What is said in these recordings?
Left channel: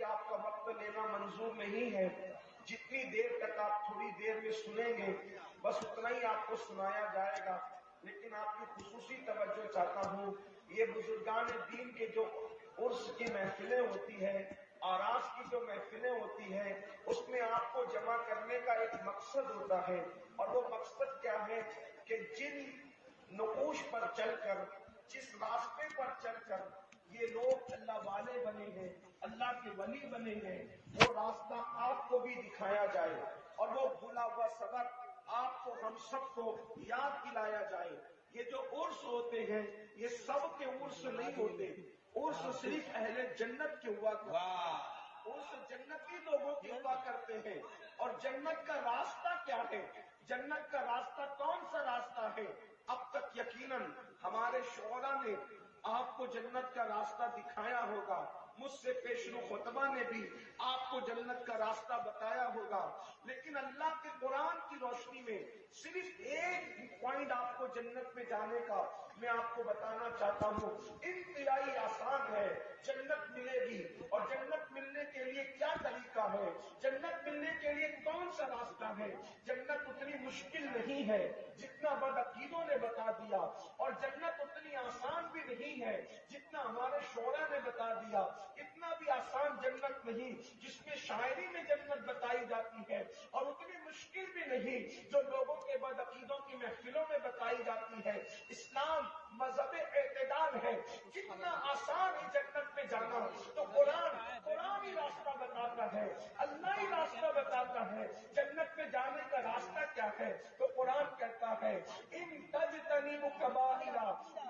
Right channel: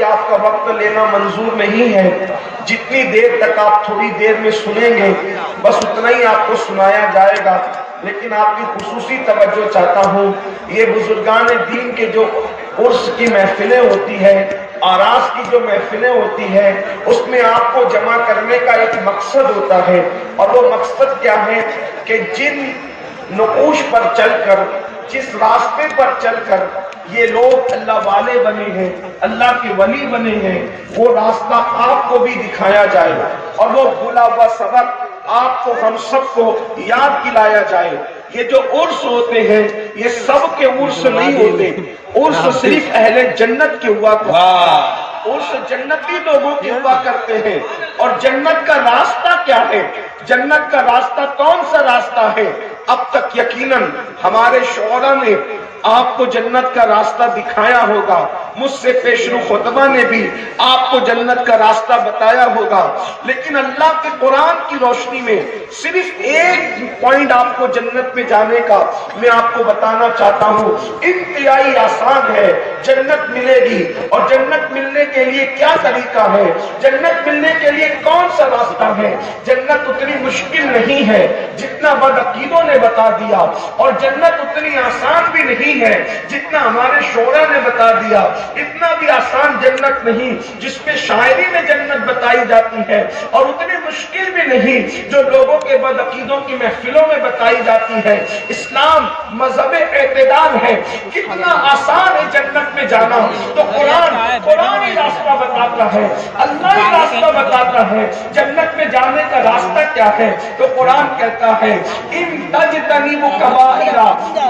ابھی آپ کا وقت لینا منظور نہیں ہے، جتنی دیر تک آپ تھوڑی دیر میں سنیں گے بس اتنا ہی آپ کو سنایا جائے گا، لیکن آپ کی خصوصی توجہ چاہتا ہوں۔ یہ بزرگان دین کے جو عرس کی محفلیں ہوتی ہے، آراس کی جو محفلیں ہوتی ہے، اس میں آپ کو جمع کرنے کا ایک مقصد ہوتا ہے، اور وہ مقصد کیا ہے کہ جن نقوش پر چل کر، جس راستے پر چل کر یہ لوگ اللہ والے بنے ہیں، اللہ کے ولی بنے ہیں، وہ راستہ آپ کو بھی دکھایا جائے اور وہ بھولا ہوا سبق آپ کو، ہم سب کو یاد دلایا جائے۔ یہ جو عرس ہوتے ہیں یہ سب کے عرس نہیں ہوتے، عرس صرف اہل جنت کے ہوا کرتے ہیں، عرس جنتی لوگوں کے ہوا کرتے ہیں۔ اور جنت کا راستہ کیا ہے؟ جنت کا راستہ کون سا راستہ ہے؟ اب تک یقیناً ہمارے شعراء نے آپ کو جنت کا راستہ دکھایا ہوگا، مجھ سے پیشرو خطبہ نے بھی آپ کو جنت کا راستہ بتایا ہوگا، لیکن اللہ کے قرآن کی روشنی میں صرف ایک پوائنٹ آپ کو جنت میں جانے کا میں آپ کو بتانا چاہتا ہوں۔ انتہائی آسان ہے، جنت ملے گی، اور جنت ملنے کے لیے کیا طریقہ ہے، جنت ملنے کے لیے کون سا راستہ ہے؟ جنت اتنی مشکل نہیں ہے جتنا بدعقیدوں نے بتا دیا، اور جنت اتنی آسان بھی نہیں ہے جتنا ہمارے شعراء نے بتا دیا، اتنا بھی آسان جنت نہیں جس میں شاعری میں جنت بتائی جاتی ہے، اور اتنی مشکل بھی نہیں جو لوگوں کے بدعقیدوں کی محفلوں میں بتائی جاتی ہے۔ اسلام مذہب اعتدال ہے، کتنا آسان ہے جنت میں جانا، تو قرآن ہی راستہ بتاتا ہے، اللہ ہی راستہ بتاتا ہے۔ جنت میں جانے کا راستہ کیا ہے؟ تو قرآن کہتا ہے ان تجتنبوا کبائر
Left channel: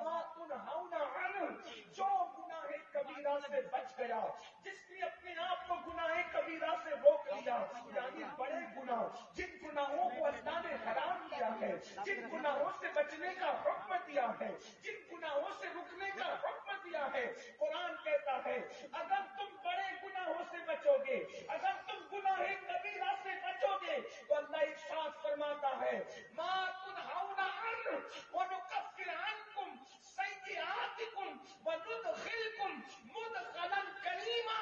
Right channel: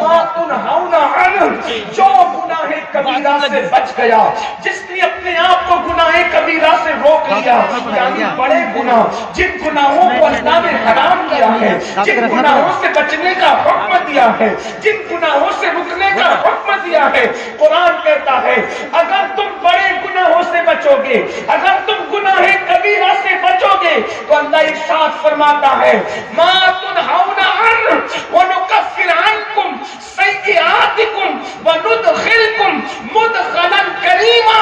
ما تنہون عنہ، جو گناہ کبیرہ سے بچ گیا، جس نے اپنے آپ کو گناہ کبیرہ سے روک لیا، یعنی بڑے گناہ، جن گناہوں کو اللہ نے حرام کیا ہے، جن گناہوں سے بچنے کا حکم دیا ہے، جن گناہوں سے رکنے کا حکم دیا ہے، قرآن کہتا ہے اگر تم بڑے گناہوں سے بچو گے، اگر تم گناہ کبیرہ سے بچو گے، تو اللہ ارشاد فرماتا ہے ما تنہون عنہ ونکفر عنکم سیئاتکم وندخلکم مدخلا کریما،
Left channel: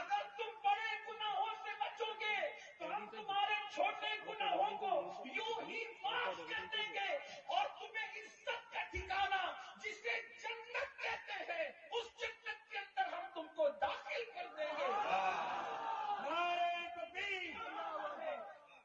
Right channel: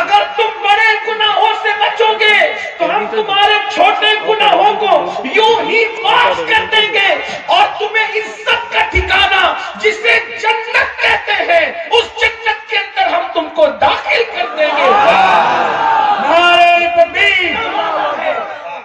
اگر تم بڑے گناہوں سے بچو گے تو ہم تمہارے چھوٹے گناہوں کو یوں ہی معاف کر دیں گے، اور تمہیں عزت کا ٹھکانہ جسے جنت کہتے ہیں اس جنت کے اندر ہم تم کو داخل کر دیں گے۔ نعرہ تکبیر!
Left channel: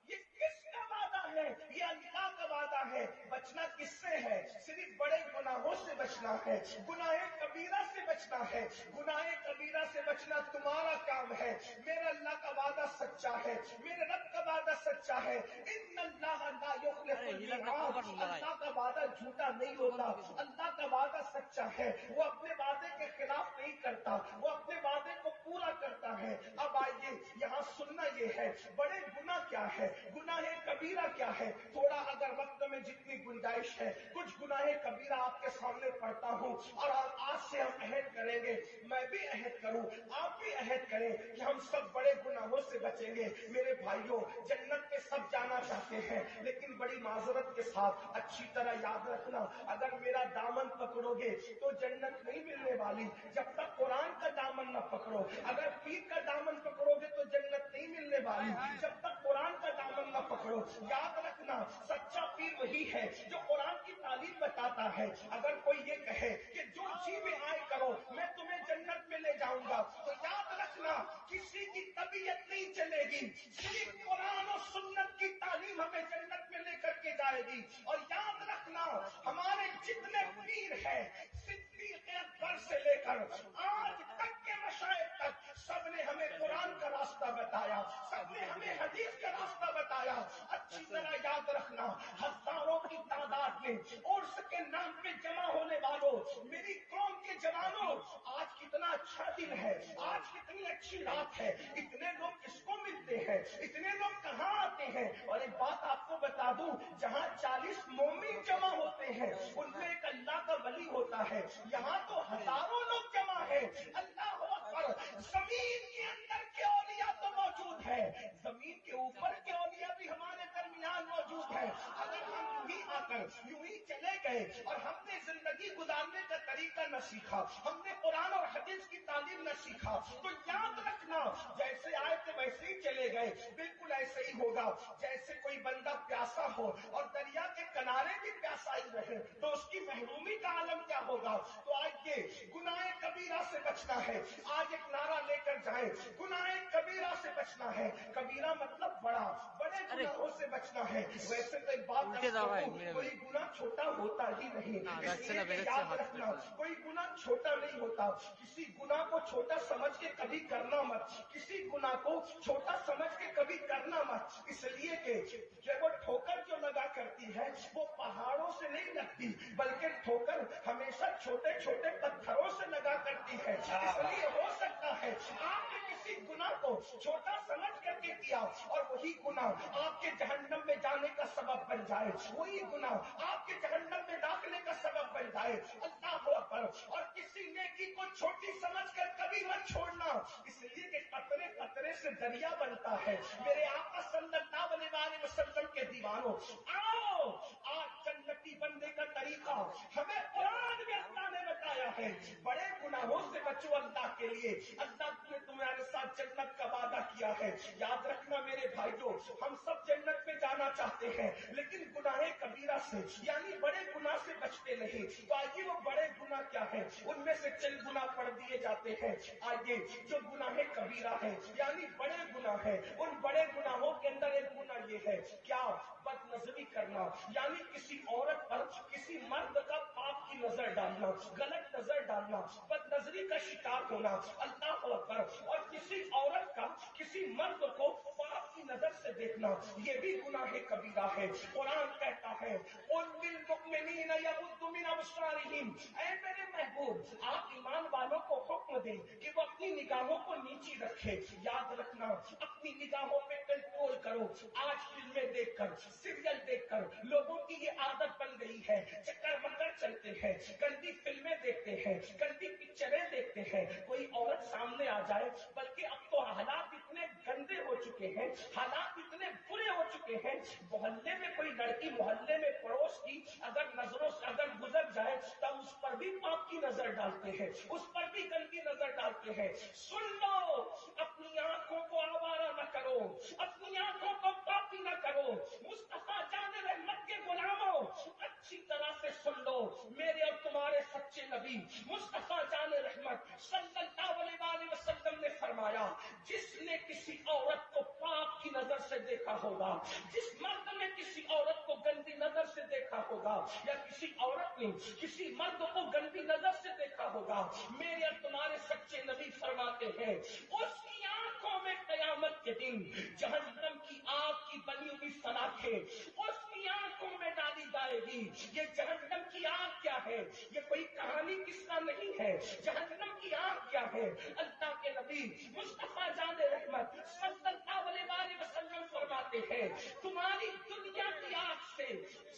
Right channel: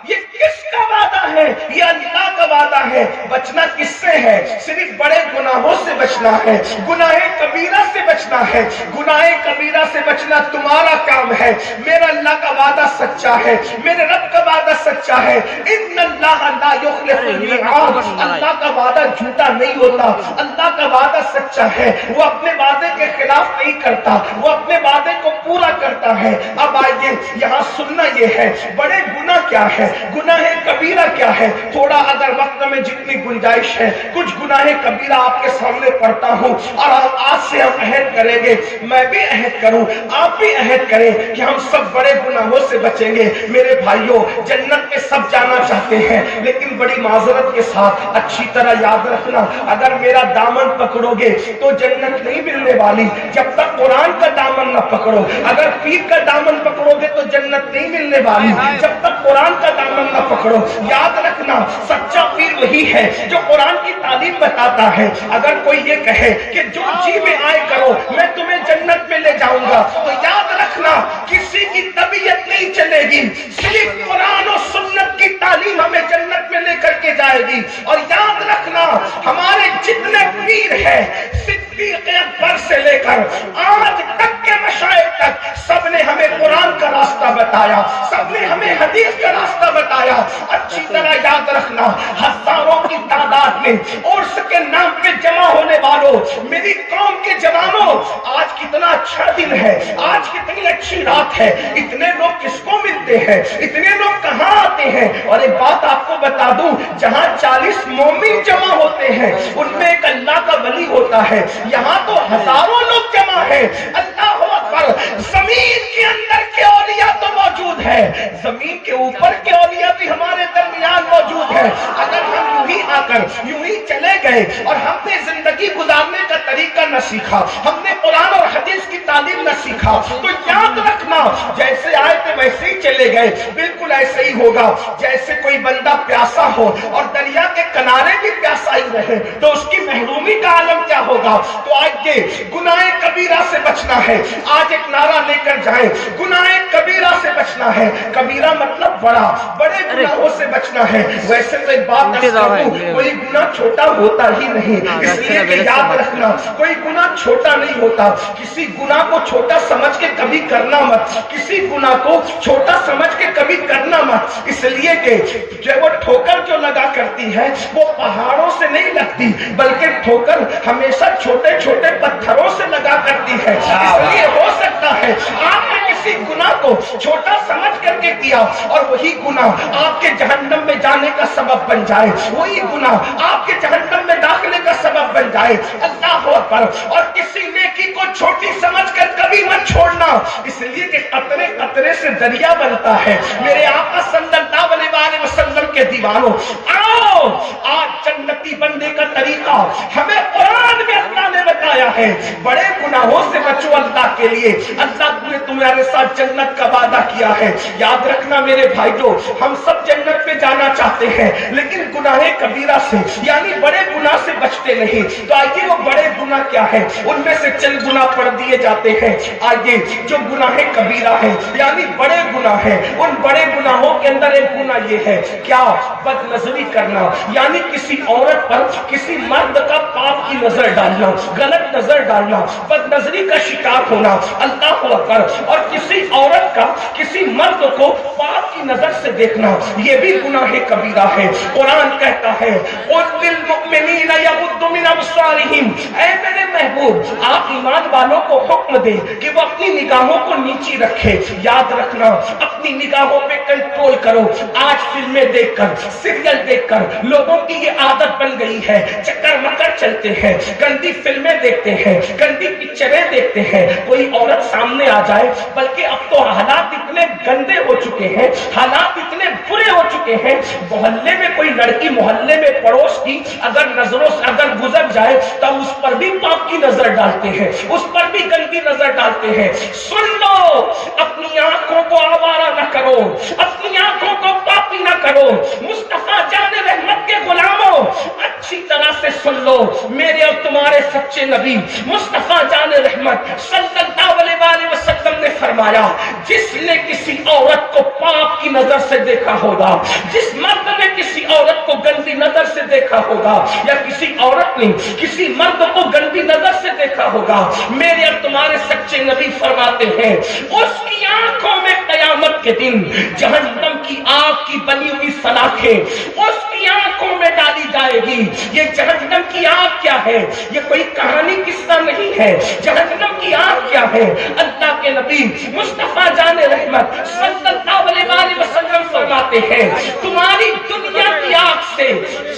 یہ کس کا وعدہ ہے؟ یہ اللہ کا وعدہ ہے۔ بچنا کس سے ہے؟ صرف بڑے گناہوں سے بچنا ہے، گناہ کبیرہ سے بچنا ہے، گناہ کبیرہ سے بچنا تمہارا کام ہے۔ میرا اللہ کا وعدہ سچا ہے، میرے رب کا وعدہ سچا ہے۔ ان اللہ لا یخلف المیعاد، اللہ کا وعدہ جھوٹا نہیں ہوتا، اللہ کا وعدہ سچا ہے، وہ اپنے وعدے کے خلاف نہیں کرتا، وہ اپنے وعدے کو پورا کرتا ہے۔ اب آئیے یہاں سننا یہ ہے بڑے گناہ کیا ہے، گناہ کبیرہ کیا ہے۔ تھوڑا اگر وقت میں جتنی گنجائش ہے کچھ گناہ کبیرہ آپ کے سامنے پڑھتا ہوں، اور آج سے ہم عہد کریں گے، میں بھی عہد کروں، آپ بھی عہد کریں کہ ہم سب بڑے گناہوں سے بچیں گے۔ میرے بھائیوں، جنت میں سب جانا چاہتے ہیں، لیکن بڑی معذرت کے ساتھ اچھی طرح یاد رکھنا، اگر میرا دامن پکڑو گے تو جنت نہیں ملنے والی جب تک قرآن کا دامن نہ پکڑو، اگر پیر کا دامن پکڑو گے تو جنت نہیں ملنے والی جب تک قرآن کا دامن نہ پکڑو۔ یاد رکھنا، سچا پیر وہی ہے جو قرآن کی تعلیم بتاتا ہے۔ اگر کوئی یہ کہے کہ جو جی میں آئے کرو میں تمہیں جنت میں لے جاؤں گا، تو یاد رکھنا کسی کی طبیعت نہیں چلے گی، صرف قرآن و سنت کی تعلیم ہمیں جنت میں لے کر کے جائے گی۔ اور یاد رکھنا ہمارے جتنے پیر ہیں، صدیق اکبر سے لے کر آج تک کے مشائخ تک، سب نے ہمیں قرآن کا راستہ بتایا، سب نے ہمیں حدیث کا راستہ بتایا۔ اچھی طرح یاد رکھنا، ہزاروں کی تعداد میں عرس کے نام پہ جمع ہونے والوں، میری قوم کے جوانوں، آج کتنا اچھا دن ہے، آج کتنی اچھی رات ہے، اتنے لوگ کس کو ملتے ہیں، اتنے لوگ کہاں آتے ہیں؟ اور ایک بات آپ کو بتا دوں، جہاں 40 مومن جمع ہوتے ہیں ان میں ایک اللہ کا ولی ہوتا ہے، یہاں تو ہزاروں لوگ جمع ہیں۔ اللہ اکبر! زمین کے اندر کے اولیاء تو موجود ہے، زمین کے اوپر کے اولیاء بھی ہمارے درمیان موجود ہے۔ اگر ہم یوں ہی آ کر یوں ہی چلے گئے اور ہم نے زندگی گزارنے کا طریقہ نہ سیکھا، ہم نے قرآن اور حدیث کی تعلیم نہ سیکھا، تو یاد رکھنا جیسے آئے تھے ویسے ہی چلے گئے. بالکل ایسے ہی ہوگا جیسے کوئی بندہ پیاسا ہو اور دریا کے کنارے بھی پیاسا ہی رہے تو اس کی محرومی کا عالم کیا ہوگا. تو آج یہ گناہ کبیرہ سے بچنا ہے. آج ایک نعرہ لے کر جائیں, گناہ کبیرہ سے بچنا ہے. کبیرہ مطلب بڑا, بڑے گناہوں سے بچنا ہے. ویسے تو ایک بات کوئی گناہ چھوٹا ہوتا ہی نہیں, اس لیے کہ یاد رکھنا کوئی گناہ چھوٹا نہیں ہوتا. کسی گناہ کو چھوٹا سمجھ کے کبھی کرنا مت, کسی گناہ کو چھوٹا سمجھ کے کبھی کرنا مت. اس لیے کہ جب وہ ٹھوکر جو لگا کرتی ہے وہ پہاڑوں سے نہیں لگتی, بلکہ ٹھوکر ہمیشہ چھوٹے چھوٹے پتھروں سے لگا کرتی ہے. اس لیے ہو سکتا ہے آپ نے کسی گناہ کو چھوٹا سمجھ کر کے کیا اور وہی گناہ آپ کے جہنم میں جانے کا سبب بن جائے, وہی گناہ آپ کے جہنم میں داخلے کا سبب بن جائے. اللہ اکبر. اور کسی نیکی کو چھوٹی سمجھ کر کبھی مت چھوڑنا, اس لیے کہ قطرے قطرے سے دریا بنتا ہے. میرے آقا صلی اللہ علیہ وسلم کے دیوانوں, آؤ آج جنتی بننے کا طریقہ ہمیں قرآن میں اللہ نے بتایا ہے. بڑے گناہوں سے بچو اللہ کے لیے. اللہ نے تمہارے ساتھ جنت کا وعدہ کیا ہے. یاد رکھنا میرے بھائیوں, ہم سب جنت میں جانا چاہتے ہیں لیکن گناہ کبیرہ سے یعنی بڑے گناہ سے بچتے نہیں. تو آئیے وہ بڑے گناہ کیا ہے, ان میں سے چند گناہ پڑھ دیے جاتے ہیں. آئیے جو گناہ کبیرہ ہے یعنی بڑے گناہ ہیں, ان بڑے گناہوں کے اندر ایک گناہ یہ ہے کیا, بد نظری کرنا, یعنی کسی عورت پر کسی مرد کا پاپ کی نظر ڈالنا, غلط نظر ڈالنا, بد نظری کا شکار ہونا. اللہ اکبر. اور کسی عورت کا کسی مرد کو پاپ کی نظر سے دیکھنا یہ بھی گناہ کبیرہ ہے. قرآن کہتا ہے قُلْ لِلْمُؤْمِنِينَ يَغُضُّوا مِنْ أَبْصَارِهِمْ, اے میرے محبوب آپ ایمان والوں کو حکم دیں کہ وہ اپنی نگاہوں کو نیچی رکھے. یاد رکھنا اپنی نگاہوں پہ کنٹرول کرو. آج فلمیں دیکھ کر, سیریل دیکھ کر لوگوں کی یہ عادت بن گئی ہے, چکر مکر چلتے ہیں, گندی فلمیں دیکھتے ہیں, گندی پکچریں دیکھتے ہیں. کوئی عورت سامنے آ جائے, بلکہ اب تو حالات اتنے گندے ہو چکے ہیں, حالات اتنے برے ہو چکے ہیں, محلے میں کوئی لڑکی محلے میں پڑوس کی اگر نظروں سے اگر گزر جائے تو اس پر بھی پاپ کی نظر ڈالتے ہیں, اس پر بھی گندی نظر ڈالتے ہیں. سن لو, اپنی آنکھوں کو آوارہ نہ کرو, اپنی آنکھوں کو پاپی نہ کرو. مصطفیٰ جان رحمت کے غلاموں اچھی طرح سے سن لو, میرے اور تمہارے سچے نبی مصطفیٰ جان رحمت صلی اللہ علیہ وسلم نے فرمایا جس نے کسی عورت کو پاپ کی نظر سے دیکھا ہوگا, جس مرد نے کسی عورت کو گندی نظر سے دیکھا ہوگا یا کسی عورت نے کسی مرد کو گندی نظر سے دیکھا ہوگا, میرے اور تمہارے سچے نبی فرماتے ہیں اس کی آنکھوں میں قیامت کے دن جہنم کی آگ کی بنی ہوئی سلاخیں اس کی آنکھوں میں ڈالی جائے گی. یہ جہنم کی آگ کیا ہے, یہ کوئی کہانی قصہ نہیں ہے. جہنم کی آگ کیا ہے, اللہ کے نبی مصطفیٰ جان رحمت صلی اللہ علیہ وسلم فرماتے ہیں تمہاری دنیا کی آگ سے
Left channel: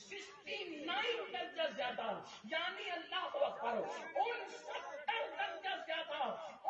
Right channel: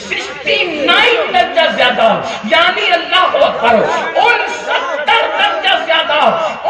69 درجہ زیادہ, یعنی اللہ اکبر, 69 درجہ زیادہ,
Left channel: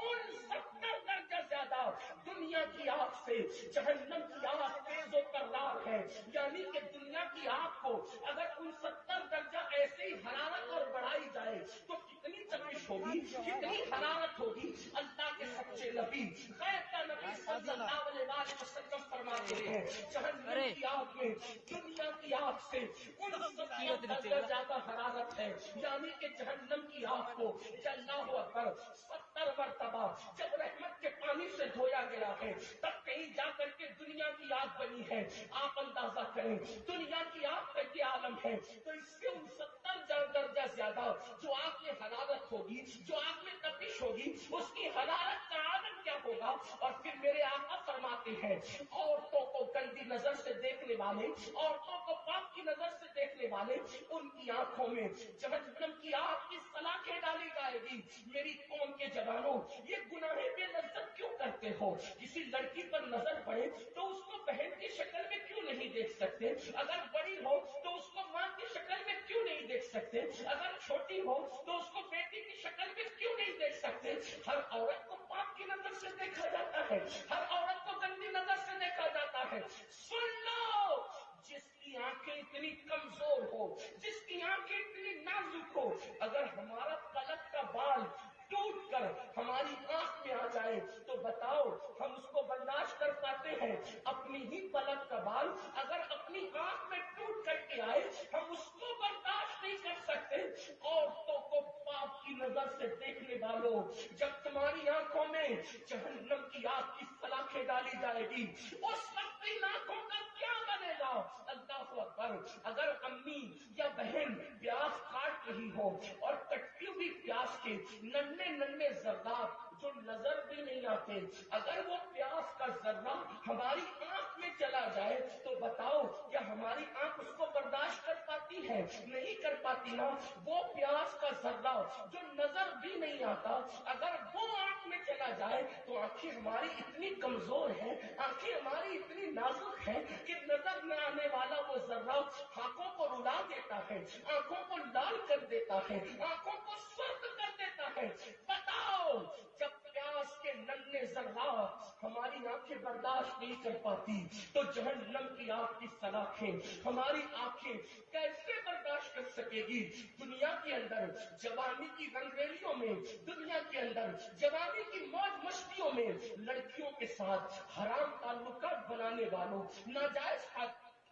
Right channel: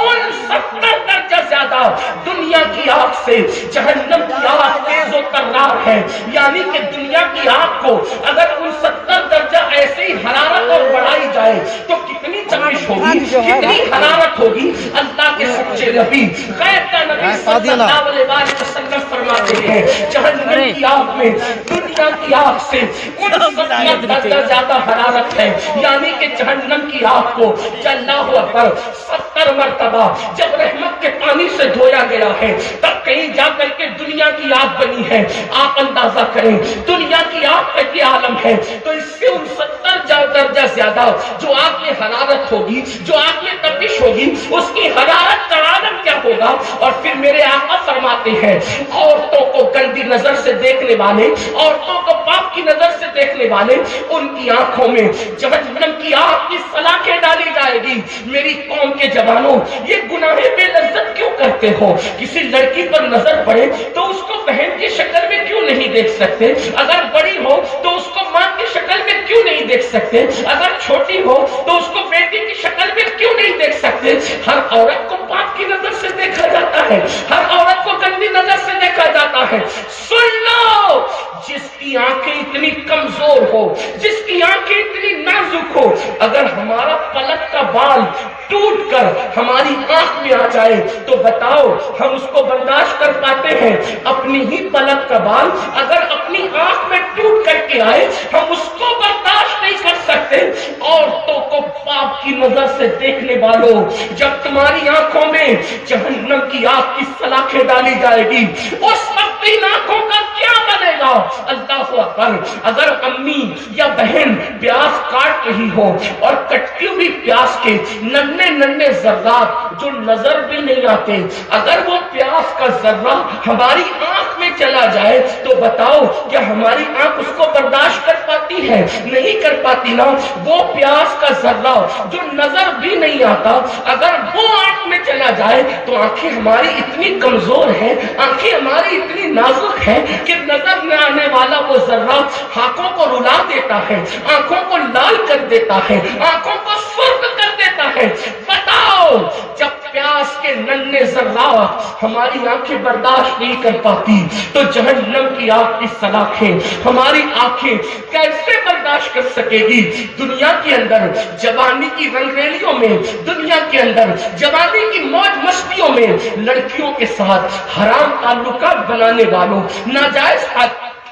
69 درجہ زیادہ دنیا کی آگ سے جہنم کی آگ تیز و ترار ہے. یعنی کہ دنیا کی آگ کو اگر 69 درجہ ایسے ہی حرارت اور بڑھائی جائے تو کتنی تپش ہوگی, کتنی حرارت ہوگی. اللہ کے سچے نبی غیب کا نبی صلی اللہ علیہ وسلم فرماتے ہیں جہنم کی آگ میں دنیا کی آگ سے 69 درجہ زیادہ حرارت ہے. یعنی کہ جہنم کی آگ کو اللہ اکبر 70 مرتبہ جب رحمت کے پانی سے دھویا گیا ہے تب کہیں جا کر کے دنیا کی آگ بنی ہے. آپ اندازہ کریں دنیا کی آگ کا کیا عالم ہے, تو اس سے 69 درجہ زیادہ جو آگ میں حرارت ہوگی, جو آگ میں تپش ہوگی, اس کی حرارت کا عالم کیا ہوگا. اور پھر میرے آقا فرماتے ہیں عورتوں کو گندی نظر سے دیکھنے والے, عورتوں کو پاپ کی نظر سے دیکھنے والے, ان کی آنکھوں میں جہنم کی آگ کی سلاخیں ڈالی جائے گی. میری قوم کے جوانوں یہ گناہ بے لذت کیوں کرتے ہو. کسی لڑکی پر نظر پڑے تو اس کو بہن کی شکل میں کیوں نہیں دیکھ سکتے, اگر بڑی ہو تو اس کو ماں کی شکل میں کیوں نہیں دیکھ سکتے, اگر چھوٹی ہو تو اس کو بیٹی کی شکل میں کیوں نہیں دیکھ سکتے. ہر عورت کو پاپ کی نظر سے دیکھا جاتا ہے, ہر عورت کو گندی نظر سے دیکھا جاتا ہے. سن لو, جس کی آنکھیں اتنی کمزور ہو, جس کی آنکھیں اتنی نازک ہو، اگر ہمارا پلک کا بال ٹوٹ کر ہماری آنکھ میں آ جائے تو بتاؤ ہم اس کو برداشت کر پاتے ہیں؟ اپنی ہی پلک کا بال اگر اپنی آنکھ میں ٹوٹ کر کے آئے ہم اس کو برداشت نہیں کر سکتے۔ عورتوں کو پاپ کی نظر سے دیکھنے والوں، جب تمہاری آنکھوں میں جہنم کی آگ کی سلاخیں ڈالی جائے گی اس وقت ان آنکھوں کا کیا بنے گا؟ اللہ اکبر۔ اگر امی یا بہن پیاز کاٹ رہی ہو اور کٹی ہوئی پیاز کے ننھے ننھے ذرات جو نظر بھی نہیں آتے، اگر وہ پیاز کا ذرہ ہماری آنکھ میں چلا جائے تو بتاؤ کیا ہماری آنکھ اس کو برداشت کر پاتی ہے؟ نہیں کر پاتی نا۔ وہ پیاز کا ذرہ جو نظر بھی نہیں آتا اگر وہ آنکھ میں چلا جائے تو آنکھیں ہماری اتنی کمزور ہیں، آنکھیں ہماری اتنی نازک ہیں کہ نظر نہ آنے والا وہ ذرہ آنکھوں کو رلا دیتا ہے، آنکھوں کو لال کر دیتا ہے، آنکھوں کو سرخ کر دیتا ہے۔ بتاؤ جب پیاس کے ننھے ذرات ہماری آنکھیں برداشت نہیں کر پاتی تو جہنم کی آگ کی سلاخیں ہماری آنکھیں کیسے برداشت کر سکے گی؟ دنیا کے اندر جوانی کی رنگریلیوں میں، دنیا کے اندر جوانی کی موج مستیوں میں لڑکیوں کے ساتھ حرام تعلقات بنانے والوں، ناجائز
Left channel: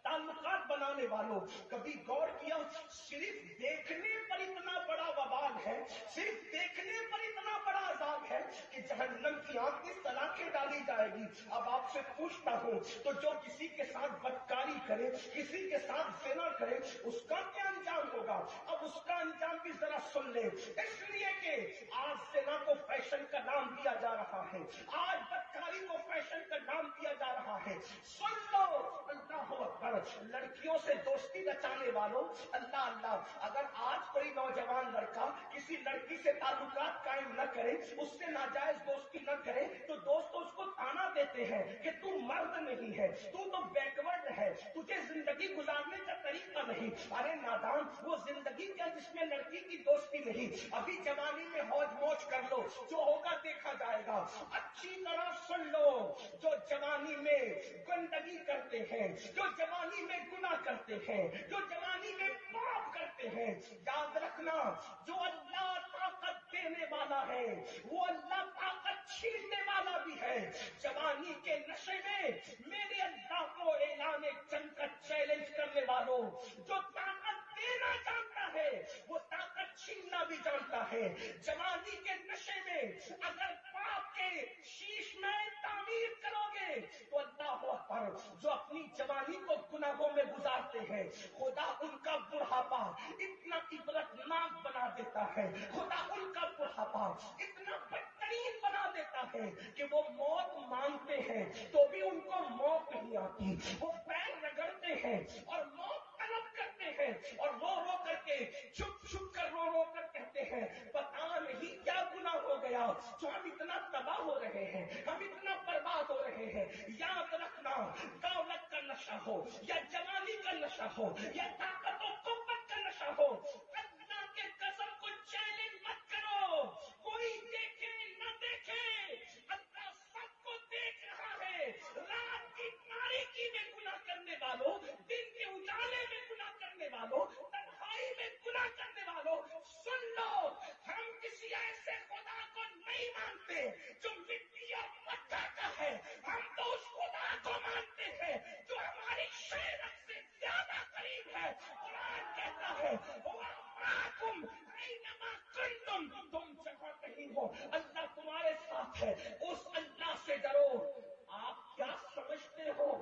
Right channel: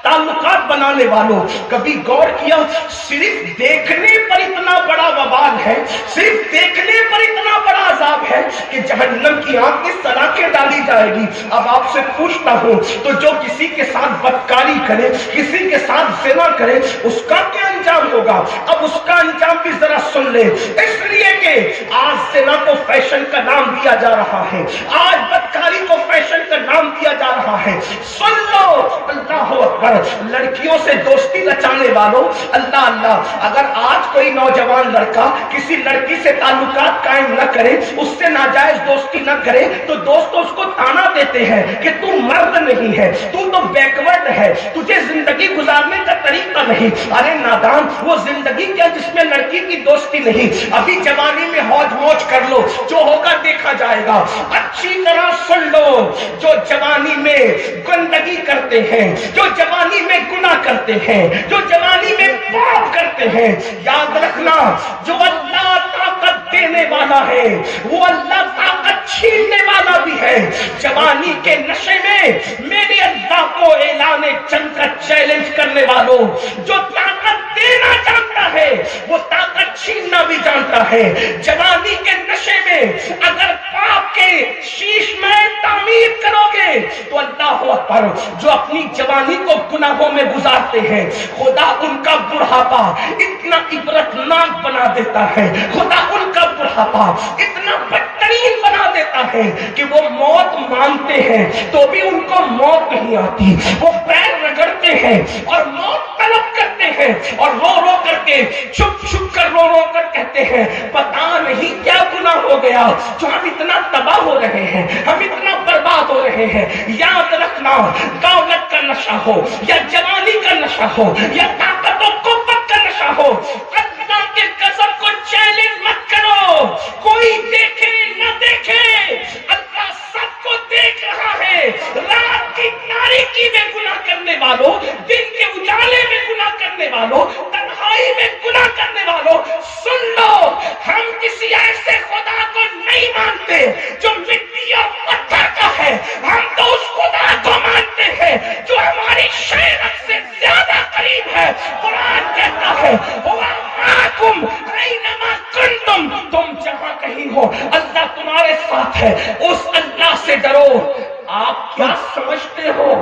تعلقات بنانے والوں، کبھی غور کیا صرف دیکھنے پر اتنا بڑا وبال ہے، صرف دیکھنے پر اتنا بڑا عذاب ہے کہ جہنم کی آگ کی سلاخیں ڈالی جائے گی۔ اب آپ سے پوچھتا ہوں تو جو کسی کے ساتھ بدکاری کرے، کسی کے ساتھ زنا کرے، اس کا کیا انجام ہوگا؟ اب اس کا انجام بھی ذرا سن لے، اس لیے کہ آج زنا کو فیشن کا نام دیا جا رہا ہے، آج بدکاری کو فیشن کا نام دیا جا رہا ہے۔ سن لو، اللہ اکبر، لڑکیوں سے دوستی رچانے والوں، اللہ اللہ، اگر آج کوئی نوجوان لڑکا کسی لڑکی سے تعلقات قائم نہ کرے، اس سے ناجائز دوستی نہ کرے تو دوستوں اس کو تانا دیتے ہیں کہ تو مرد نہیں ہے، تو بیکورڈ ہے، تجھے زندگی گزارنے کا طریقہ نہیں۔ ارے نادان، وہ زندگی کیا جس میں لڑکی کی دوستی نہیں؟ ابھی جوانی میں موج موج کر لو، جو ہوگا دیکھا جائے گا۔ اچھی طرح سن لو، جو جوانی میں گندگی کرتے ہیں، جو جوانی میں گناہ کرتے ہیں، جو جوانی میں پاپ کرتے ہیں، یاد رکھنا جو اللہ طاقت دینے والا ہے وہ اللہ طاقت چھیننے والا بھی ہے۔ جوانی کے نشے میں میرے اللہ کو اعلان جنگ کا چیلنج کرنے والوں، جو طاقت دینا جانتا ہے وہ طاقت چھیننا بھی جانتا ہے۔ جوانی کے نشے میں اگر پاپ کے شیش میں تعمیر کرو گے تو اللہ اکبر، جو اپنی جوانی کو گناہوں میں گزارتے ہیں خدا ان کا بڑھاپا اتنا عبرتناک بنا دیتا ہے، خدا ان کا بڑھاپا اتنا بدترین بنا دیتا ہے کہ وہ موت مانگتے ہیں تو بھی ان کو موت نہیں آتی، وہ پیر رگڑتے ہیں اور موت طلب کرتے ہیں اور رو رو کر کے چھپ چھپ کر رو رو کر کہتے ہیں پتا نہیں کیا گناہ ہو گیا جو ہم اتنا تباہ ہو رہے ہیں، ہم اتنا برباد ہو رہے ہیں۔ یاد رکھنا، دولت کا نشہ ہو یا جوانی کا نشہ ہو یا طاقت و قوت کا نشہ ہو، اللہ کے قسم کو چیلنج مت کرو۔ کوئی دیکھے نہ دیکھے، اللہ سب کو دیکھ رہا ہے۔ رات کی تاریکی میں گناہ کرنے والوں، دن کے اجالے میں گناہ کرنے والوں، تنہائی میں گناہ کرنے والوں، سن لو، ہم کسی ایسے خدا کو نہیں مانتے جو مٹی اور پتھر کا ہے، ہم تو اس خدا کو مانتے ہیں جو ہماری شریعت سے زیادہ قریب ہے۔ قرآن کہتا ہے وَمَعَكُمْ أَيْنَمَا كُنتُمْ، تم جہاں کہیں ہو اللہ تمہارے ساتھ ہے، اس اللہ سے ڈرو۔ آپ کیا سمجھتے ہو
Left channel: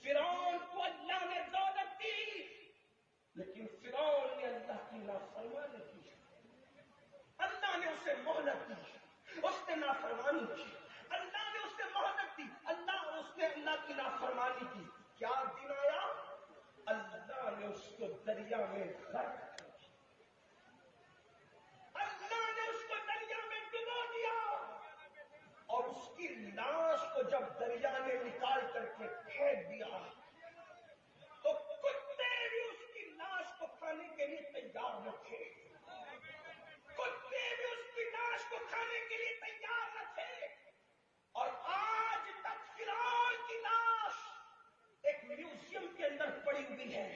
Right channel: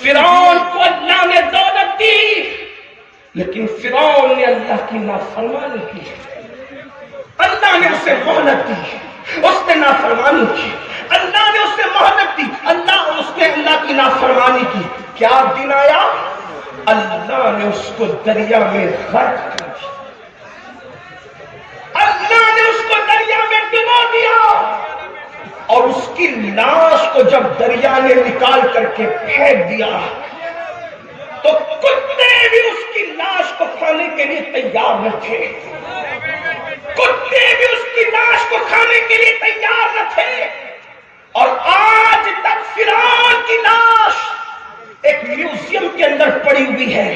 فرعون کو اللہ نے دولت دی لیکن فرعون نے اللہ کی نافرمانی کی، اللہ نے اسے مہلت دی، اس نے نافرمانی کی، اللہ نے اسے مہلت دی، اس نے اللہ کی نافرمانی کی۔ کیا دن آیا؟ اللہ نے اس کو دریا میں غرق کر دیا، اللہ نے اس کو دریا میں ڈبو دیا، اور اس کی لاش کو جب دریا نے نکال کر کے پھینک دیا تو کتے بھی اس کی لاش کو کھانے کے لیے تیار نہ تھے، کتے بھی اس کی لاش کو کھانے کے لیے تیار نہ تھے۔ اور آج تک فرعون کی لاش ایک میوزیم کے اندر پڑی ہوئی ہے،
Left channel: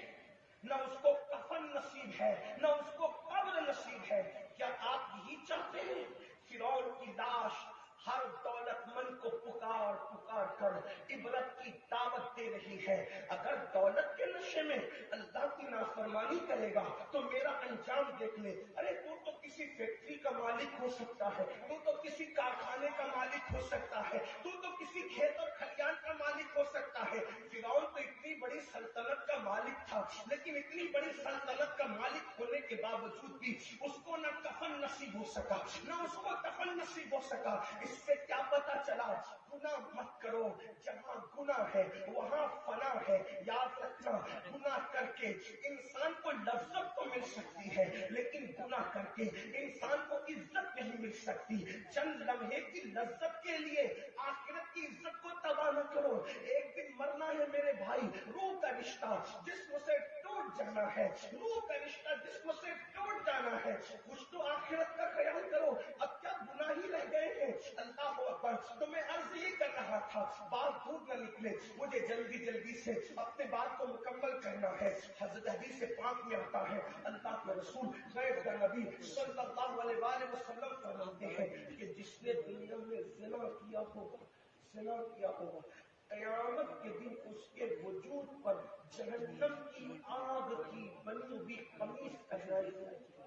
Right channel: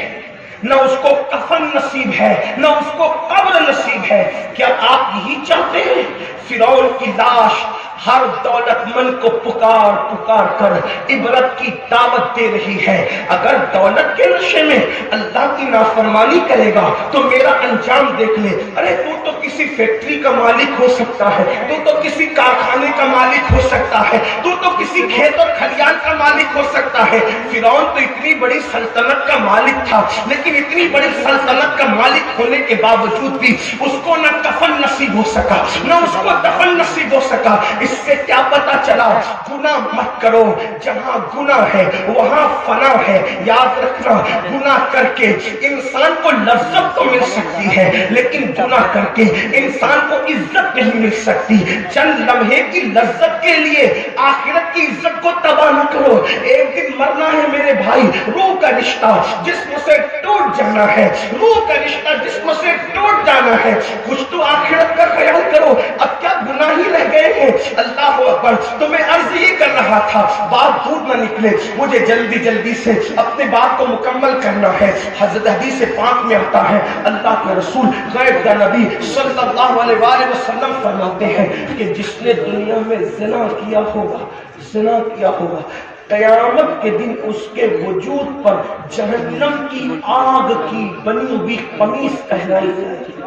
نہ اس کو کفن نصیب ہے، نہ اس کو قبر نصیب ہے۔ کیا آپ یہی چاہتے ہیں؟ فرعون کی لاش ہر دولت مند کو پکار پکار کر عبرت کی دعوت دے رہی ہے۔ اگر دولت کے نشے میں اللہ کی نافرمانی کرے گا تو میرا انجام دیکھ لے۔ ارے تو کسی فیکٹری کا مالک ہو سکتا ہے، تو کسی کارخانے کا مالک ہو سکتا ہے، تو کسی کھیت اور کھلیان کا مالک ہو سکتا ہے۔ فرعون تو اتنی بڑی سلطنت کا مالک تھا، لیکن اتنی بڑی سلطنت کا مالک ہونے کے باوجود بھی اس کو نہ کفن نصیب ہو سکا، نہ اس کو دفن نصیب ہو سکا۔ اس سے کیا پتا چلا؟ گناہ مت کرو، جہاں گناہ ہے وہاں فنا ہے۔ یاد رکھنا، گناہ کر کے انسان کو لذت تو مل سکتی ہے، لیکن گناہ کر کے انسان کو عزت نہیں مل سکتی۔ چند لمحے کی لذت کے لیے آخرت کی عزت کو تباہ نہ کرو۔ ایک دن مرنا ہے میرے بھائی، روح کا رشتہ جسم سے ٹوٹ جانا ہے، روح کا رشتہ جسم سے ٹوٹ جانا ہے۔ کچھ تو آخرت کا خیال کرو، اب کیا گناہ ہی رہ گئے ہیں؟ اللہ اکبر، تو میں عرض یہ کر رہا تھا، بات دور نہ نکلے، مجھے جلدی جلدی سے اپنے بات کو مکمل کرنا ہے۔ حضرت حدیث پاک میں آتا ہے، اللہ کے رسول غیب کا نبی صلی اللہ علیہ وآلہ وسلم فرماتے ہیں کہ جس نے دنیا میں زنا کیا ہوگا، زنا کیا ہوگا، قیامت کے دن اس کے وجود پر جہنم کی آگ کی بنی ہوئی قمیص پہنائی جائے گی۔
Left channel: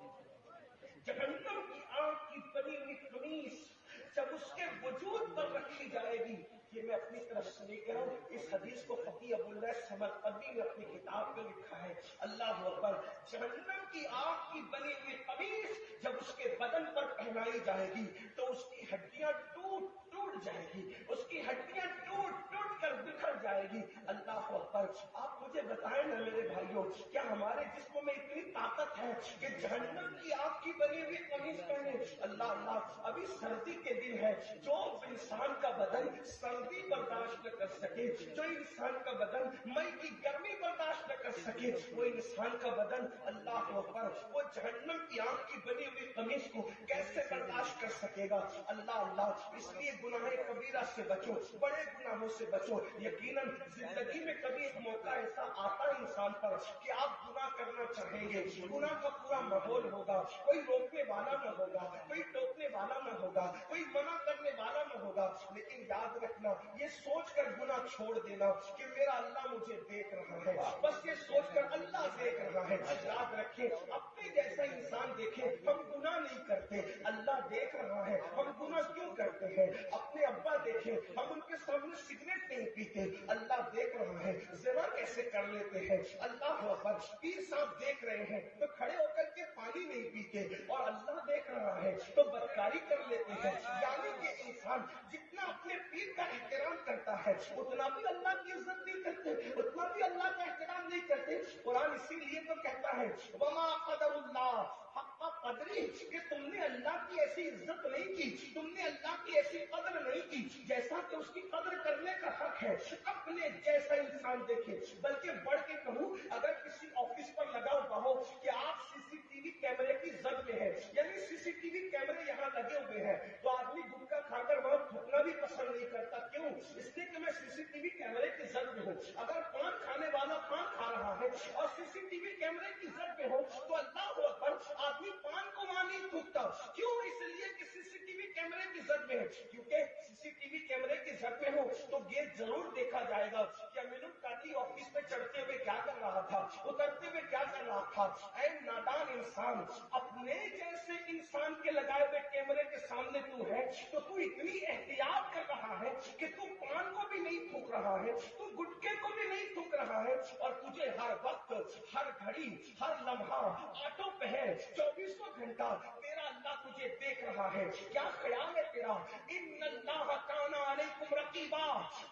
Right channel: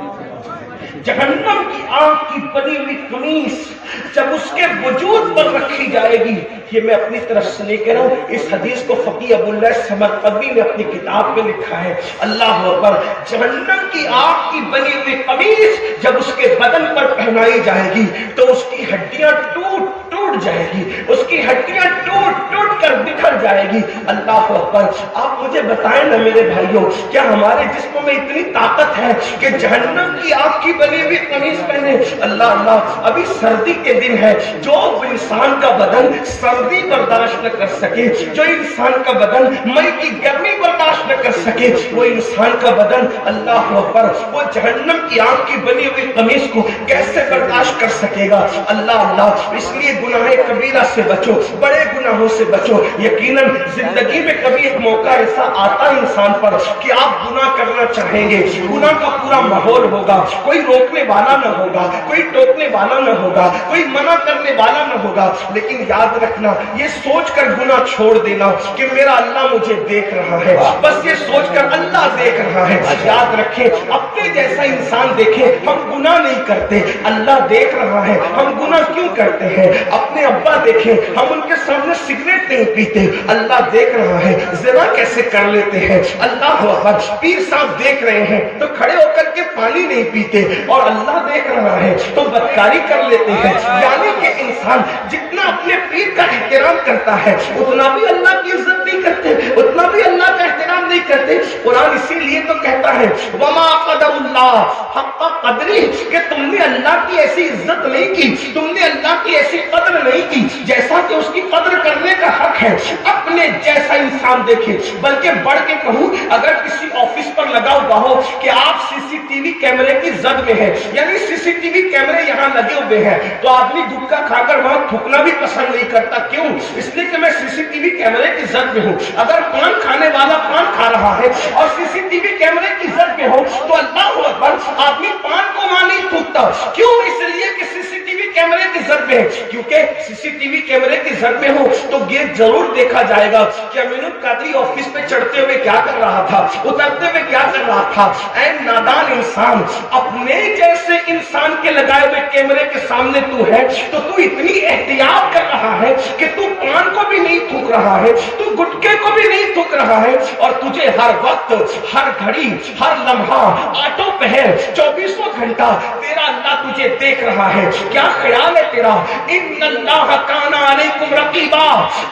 جہنم کی آگ کی بنی ہوئی قمیص جب اس کے وجود پر رکھی جائے گی، یہ میں اپنی طرف سے نہیں کہہ رہا ہوں، اس حدیث کو فقی ابو اللہ سمرقندی نے اپنی کتاب میں لکھا ہے۔ اللہ اکبر، جہنم کی آگ کی بنی ہوئی قمیص جب اس کے بدن پر پہنائی جائے گی تو اس کی ہڈیاں ٹوٹ جائے گی، اس کی ہڈیاں ٹوٹ کر بکھر جائے گی۔ اللہ اکبر، آپ مجھے بتائیں نا میرے بھائیوں، کیا ہمارے جسم میں اتنی طاقت ہے کہ جہنم کی آگ کی بنی ہوئی قمیص پہنے؟ اللہ اللہ، ابھی سردی کے دن ہے، جو انسان کا بدن سردی برداشت نہ کر سکے، جو انسان کا بدن مئی کی گرمی برداشت نہ کر سکے، وہ انسان کا بدن اللہ اکبر وہ جہنم کی آگ کی بنی ہوئی قمیص کو کیسے برداشت کر سکے گا؟ اللہ اللہ، اس لیے گناہ کبیرہ سے بچو، بڑے گناہوں سے بچو۔ یقیناً زندگی میں کبھی ایک موقع ایسا آتا ہے انسان پر کہ آپ گناہ کرنا چاہیں گے، گناہ کا پورا ماحول ہوگا، کوئی روکنے والا نہ ہوگا، کوئی ٹوکنے والا نہ ہوگا، کوئی منع کرنے والا نہ ہوگا، لیکن یاد رکھنا، یہ سوچ کر گناہ چھوڑ دینا کہ میرا اللہ مجھے دیکھ رہا ہے، بس یہ سوچ کر اللہ دیکھ رہا ہے۔ یاد رکھیں، اپنے جیسا انسان دیکھے ہم گناہ نہیں کرتے، اللہ دیکھ رہا ہے ہم گناہ کیوں کرتے ہیں۔ اپنے ابا دیکھیں، ہم ان کے سامنے سگریٹ نہیں پیتے، اللہ دیکھ رہا ہے زنا کیسے کر لیتے ہیں۔ اللہ اکبر، پیر صاحب دیکھ رہے ہیں تو کھڑے ہو کر کے پانی نہیں پیتے، اور اللہ دیکھ رہا ہے تو بدکاری کر لیتے ہیں۔ یعنی کہ انسان جتنا اپنے پیر کا احترام کرتا ہے اتنا بھی اللہ کی عزت نہیں کرتے، اتنا بھی اللہ کا احترام نہیں کرتے۔ قرآن اسی لیے تو کہتا ہے وما قدر اللہ حق قدری، کہ تم نے اللہ کی ایسی عزت نہیں کی، تم نے اللہ کی ایسی قدر نہیں کی جیسا کہ اس کی قدر کرنے کا حق ہے۔ اپنے جیسا انسان دیکھے، بلکہ بڑھ کے کہوں، اگر کسی آفس پر لگا ہوا ہو کہ آپ سی سی ٹی وی کیمرے کی زد میں ہے، یعنی سی سی ٹی وی کیمرے یہاں لگے ہوئے ہیں، تو آدمی گٹکا کھا کر وہاں تھوکنا بھی پسند نہیں کرتا۔ کیوں؟ اس لیے کہ میں سی سی ٹی وی کیمرے کی زد میں ہوں۔ اگر پان کھانے والا پان کھا رہا ہے اور سی سی ٹی وی کیمرے کی زد میں ہو تو اللہ اکبر، آدمی پان کو وہاں نہیں تھوکتا۔ کیوں؟ اس لیے کہ سی سی ٹی وی کیمرے کی زد میں ہے، کیونکہ سی سی ٹی وی کیمرے کی زد میں ہو تو یہ ضرور دیکھا جائے گا کہ امین القادری آفس پہ چڑھتے ہوئے کیا کر رہا تھا، اترتے ہوئے کیا کر رہا تھا۔ اے نادان انسان، اپنے جیسے انسان کے لگائے ہوئے کیمرے کے سامنے تو ہے تو تو اتنی احتیاط کر رہا ہے کہ تو پان کو بھی نہیں تھوک رہا ہے، تو گٹکے کو بھی نہیں تھوک رہا ہے، اور تجھے ہر وقت، ہر گھڑی، ہر لمحہ، آٹو پہر، 24 گھنٹہ تیرا اللہ تجھے دیکھ رہا ہے۔ کیا خیال ہے تیرا؟ ان اللہ کان علیکم رقیبا،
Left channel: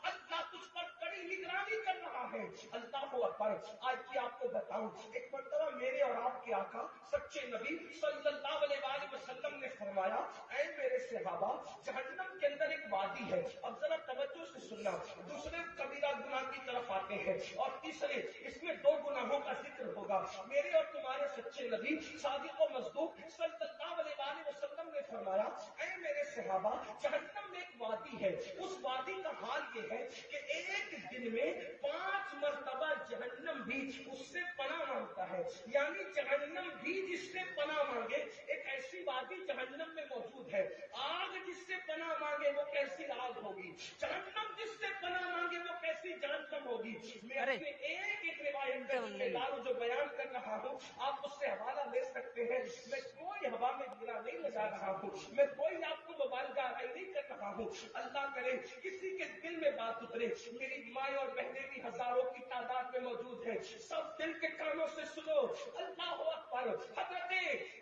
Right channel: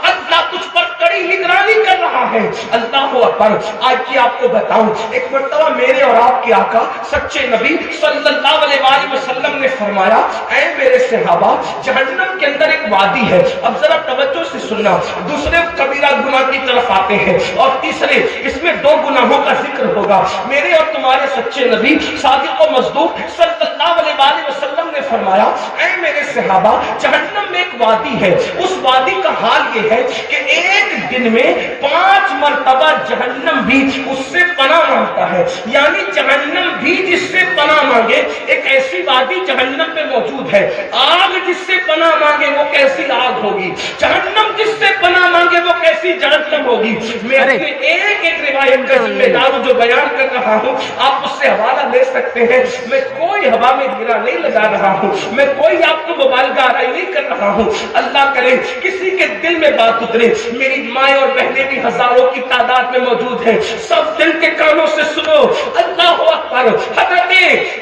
اللہ تجھ پر کڑی نگرانی کر رہا ہے۔ اللہ اکبر، آج کی آپ کو بتاؤں، ایک مرتبہ میرے اور آپ کے آقا سچے نبی صلی اللہ علیہ وآلہ وسلم نے فرمایا، اے میرے صحابہ، جہنم کے اندر ایک وادی ہے۔ اب ذرا توجہ سے سننا، دوسرے کبیرہ گناہ کی طرف آتے ہیں، اور تیسرے اس میں 2 گناہوں کا ذکر ہوگا۔ میرے اور تمہارے سچے نبی صادق و مصدوق صلی اللہ علیہ وآلہ وسلم نے فرمایا، اے میرے صحابہ، جہنم میں ایک وادی ہے، اس وادی کا حال یہ ہے کہ ایک دن میں 5 5 مرتبہ جہنم بھی اس سے پناہ مانگتا ہے. یعنی جہنم بھی جس سے پناہ مانگے، ایک ایسی وادی جہنم میں موجود ہے. آگ جس سے پناہ مانگے وہ کیسی آگ ہوگی، جہنم جس سے پناہ مانگے وہ کیسی جہنم ہوگی. میں اپنے ایک ایک روایت کا ذمہ دار جو بیان کر رہا ہوں، آپ اس سے حوالہ لے سکتے ہیں. میں کوئی ہوا میں گرا نہیں لگا رہا ہوں، میں کوئی آپ کو مبالغہ آرائی نہیں کر رہا ہوں. اللہ کرے کسی کے دل میں بات اترے. میری مائیں اور بہنیں بھی ہزاروں کی تعداد میں موجود ہیں، سب دل کے کانوں سے سنو. اللہ اکبر. حضرت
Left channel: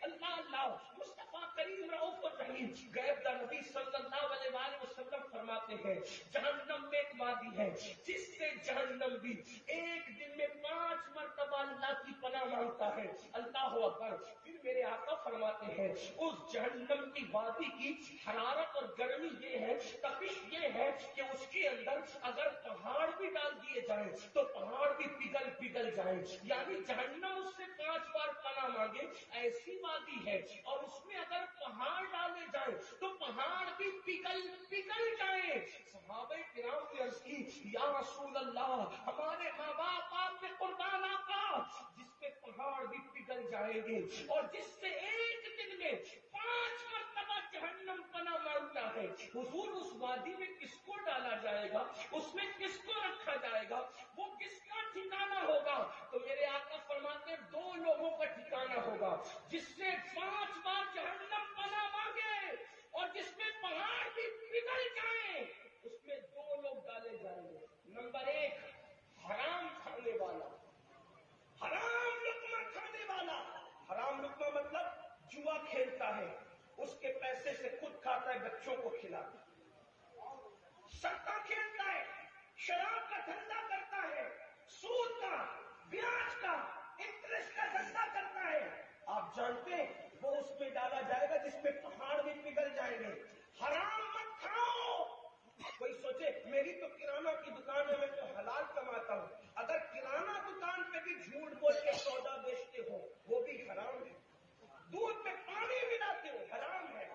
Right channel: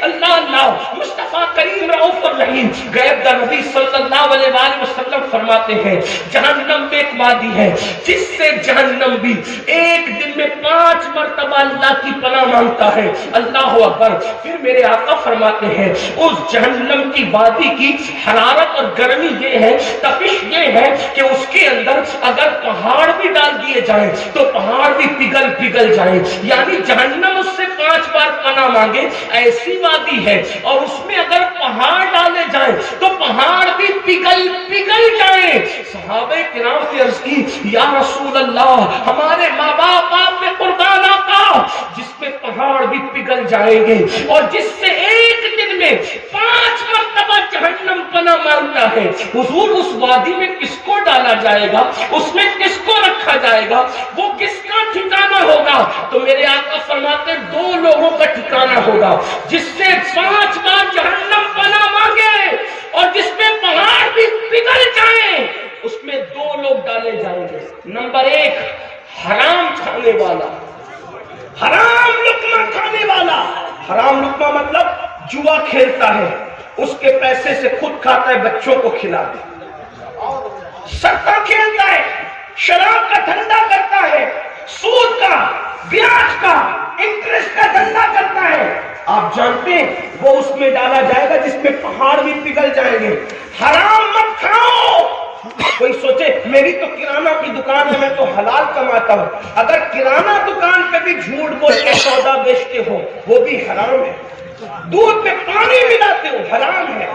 اللہ مصطفیٰ کریم رؤوف الرحیم غیب دا نبی صلی اللہ علیہ وآلہ وسلم فرماتے ہیں جہنم میں ایک وادی ہے جس سے جہنم بھی ایک دن میں 5 مرتبہ اللہ کی پناہ مانگتا ہے. اللہ اکبر. پھر میرے آقا فرماتے ہیں اس جہنم کی وادی کی حرارت اور گرمی یہ ہے، تپش یہ ہے کہ اس کے اندر اگر پہاڑ بھی ڈال دیے جائیں تو پہاڑ بھی پگھل جائیں. یعنی جہنم اس سے 5 بار پناہ مانگے، ایسی وادی ہے اور اس میں اگر پہاڑ ڈالے جائیں تو پہاڑ بھی پگھل جائیں. صحابہ کرام سے عرض کی یا رسول اللہ، ہمارے ماں باپ آپ نے قربان آقا، جس میں پہاڑ بھی پگھل جائیں گے اور جس سے ایک دن میں 5 مرتبہ جہنم پناہ مانگتا ہے، حضور اس وادی میں کس کو ڈالا جائے گا، اس میں کس کو رکھا جائے گا، وہ کس کا ٹھکانہ ہوگا؟ تو میرے آقا فرماتے 2 لوگوں کا ٹھکانہ ہوگا، جس سے 5 بار جہنم پناہ مانگے اور جس میں پہاڑ بھی پگھل جائیں، اس میں 2 لوگ ڈالے جائیں گے. نمبر 1 حرام کھانے والا، حرام لقمہ کھانے والا. حرام لقمہ مطلب جوا کھیلتا ہے، اس کے پیسے سے خود کھاتا ہے، بچوں کو کھلا دے. سٹا کھیلتا ہے، شراب کا دھندا کرتا ہے، سود کا، بیاج کا، انٹرسٹ کا دھندا کرتا ہے. آپ جانتے ہیں وہ اس میں ڈالا جائے گا جس میں پہاڑ بھی پگھل جائیں گے. حرام مت کھاؤ. کوئی سوچے میری تو کرانہ کی دکان ہے، میں تو حلال کماتا ہوں. اگر کرانہ دکان پہ بھی جھوٹ بول کے سودا بیچتے ہو وہ بھی حرام ہے. دودھ میں پانی ملاتے ہو حرام ہے،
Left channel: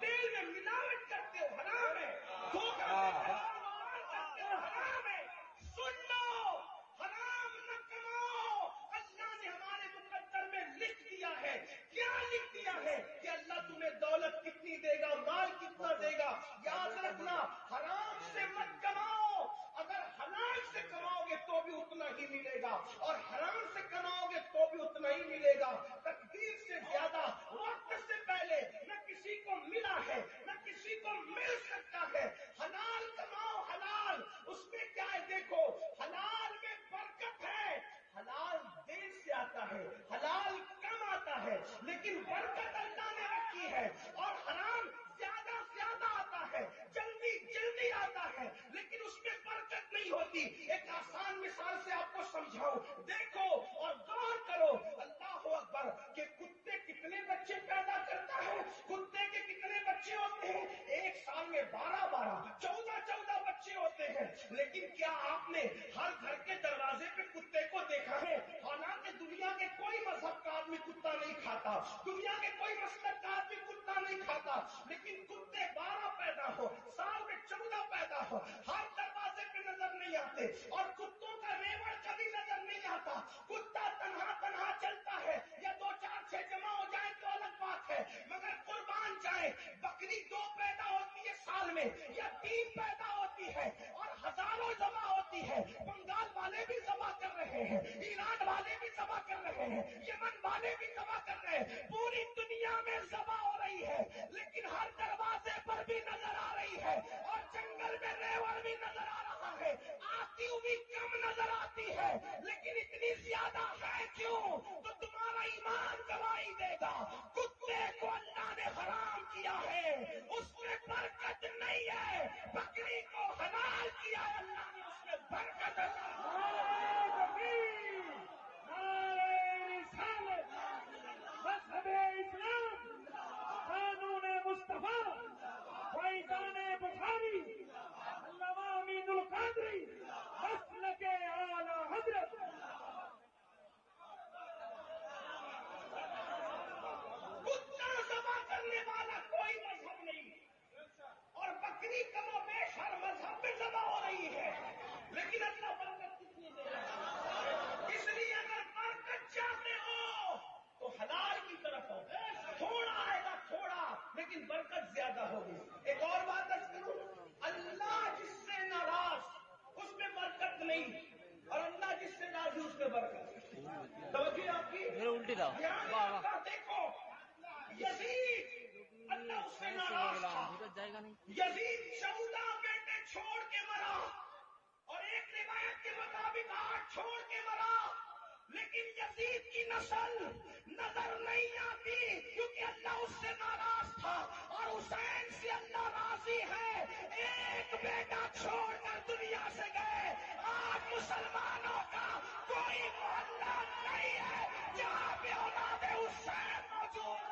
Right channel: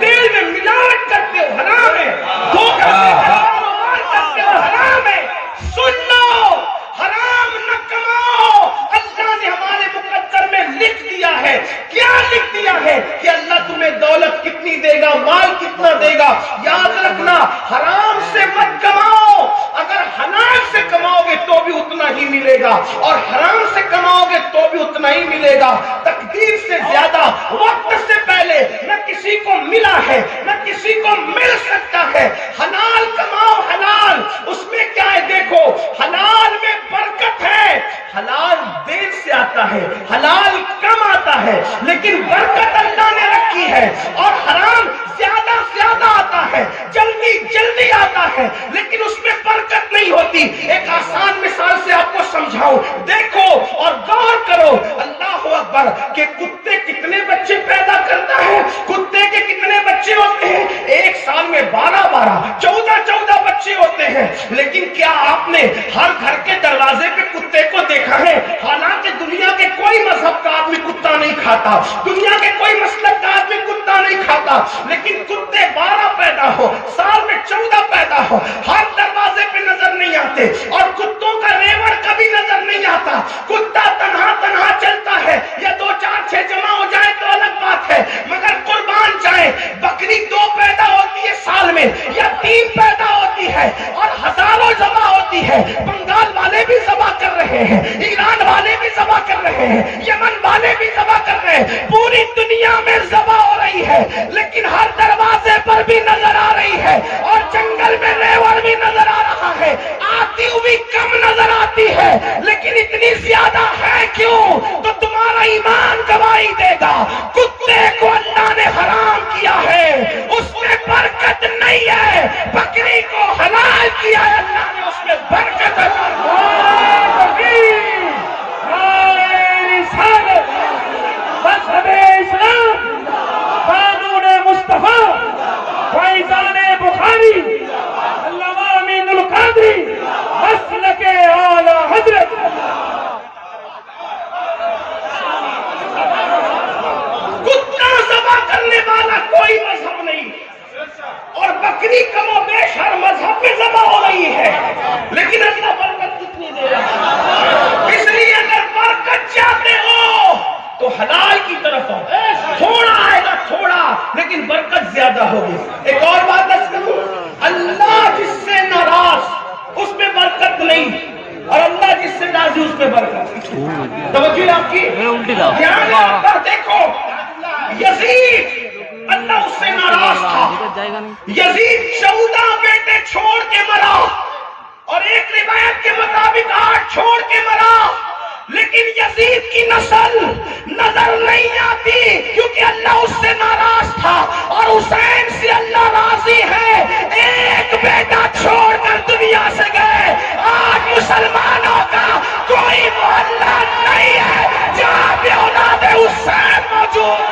تیل میں ملاوٹ کرتے ہو حرام ہے، دھوکہ سے کاروبار کرتے ہو حرام ہے. سن لو، حرام نہ کماؤ. اللہ نے ہمارے مقدر میں لکھ دیا ہے. کیا لکھ دیا ہے؟ کہ اللہ تمہیں دولت کتنی دے گا، مال کتنا دے گا. یاد رکھنا حرام سے مت کماؤ. اگر حلال سے کماؤ گے تو بھی اتنا ہی ملے گا اور حرام سے کماؤ گے تو بھی اتنا ہی ملے گا. تقدیر سے زیادہ وقت سے پہلے نہ کسی کو ملا ہے نہ کسی کو مل سکتا ہے. حلال کماؤ. حلال اس میں کیا ہے؟ دیکھو حلال میں برکت ہے. حلال دیر سے آتا ہے، حلال کم آتا ہے، لیکن برکت اللہ نے رکھی ہے. اور حرام زیادہ آتا ہے، جلدی آتا ہے، لیکن اس میں برکت نہیں ہوتی. ایک آسان مثال سے آپ کو سمجھاؤں. دیکھو اور غور کرو. اللہ اکبر. کہ کتے کتنے بچے پیدا کرتا ہے؟ کتے کے کتنے بچے ہوتے ہیں؟ ایک سال میں 12 14 بچے ہوتے ہیں. لیکن کیا آپ نے ہر گھر کے دروازے پہ کتے کو دیکھا ہے؟ حالانکہ دنیا کے کوئی مذہب کا آدمی کتا نہیں کھاتا، دنیا کے کوئی مسلک کا آدمی کتا نہیں کھاتا، لیکن کتے 12 پیدا ہو، سال میں 14 پیدا ہو، ہر دروازے پہ نظر نہیں آتے. اور کتوں کا ریوڑ کبھی نظر نہیں آتا. کتا تنہا چلتا ہے، یا 2 4 6 جمع ہو جائے تو الگ بات ہے، مگر قربان جائے بکری 2 پیدا ہوتی ہے سال میں یا 3 پیدا ہوتی ہے اور ہزاروں ذبح ہوتی ہے. بنگال والے بھی ذبح کر رہے ہیں، ایران والے بھی ذبح کر رہے ہیں، یمن والے بھی ذبح کر رہے ہیں. پوری دنیا میں ذبح ہو رہی ہے، لیکن ہر دروازے پر بھی نظر آ رہی ہے اور جنگل میں ریوڑ بھی نظر آ رہا ہے. آتی ہوئی کم نظر آتی ہے، لیکن اتنی زیادہ ہے کیوں؟ تو تمہارا ایمان گواہی دے گا. کتے کو اللہ نے حرام کیا ہے، اس میں برکت نہیں ہے. بکری کو حلال کیا ہے اللہ نے، اس میں برکت ہے. مذہب اسلام، قانون مصطفیٰ، فیضان بخاری، علامہ امین القادری، مسلک اعلی حضرت. کتا ذبح کرنے والا کوئی مذہب نہیں، اور بکری کم و بیش ہر مذہب میں ذبح ہو رہی ہے، لیکن اللہ برکت کتنی دے رہا میں برکت. توجہ آپ کی دھیان کر دیکھو. یزید اللہ اس سے ناراض تھا. یزید 14 بیٹے چھوڑ کے مرا اور ایک روایت کے مطابق 8 چھوڑ کے مرا. لیکن یزید کی نسل نظر نہیں آتی کیونکہ اللہ اس سے ناراض تھا. اور حسین سے اللہ راضی ہے. ایک بیٹا چھوڑ کر دنیا سے گئے. آج مسلمانوں کا کوئی محلہ نہیں ہے جہاں پہ اولاد حسین موجود.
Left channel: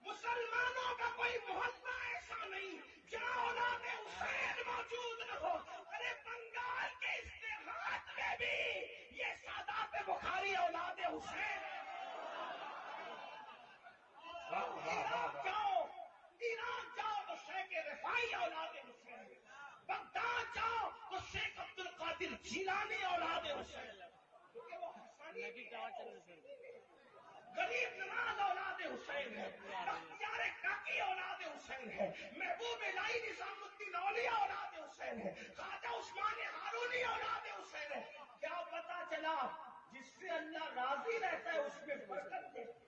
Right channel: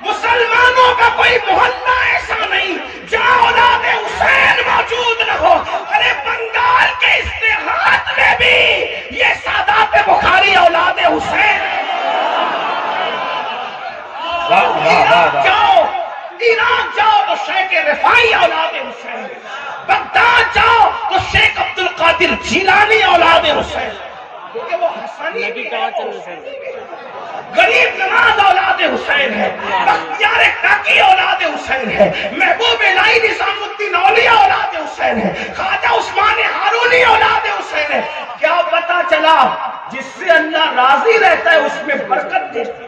مسلمانوں کا کوئی محلہ ایسا نہیں جہاں اولاد حسین موجود نہ ہو. ارے بنگال کے اشتہارات میں بھی یہ سادات بخاری اولاد حسین. عراق جاؤ تو شیخ رفاعی اولاد حسین. بغداد جاؤ تو شیخ عبد القادر جیلانی اولاد حسین. کیونکہ وہ حسنی بھی ہے. غریب نواز اولاد حسین ہے. بختیار کاکی اولاد حسین ہے. محبوب الہی نظام الدین اولیاء اولاد حسین ہے. خواجہ عثمان ہارونی اولاد حسین ہے. کیا پتا چلا جس سے اللہ راضی رہتا ہے اس میں برکت دیتا ہے.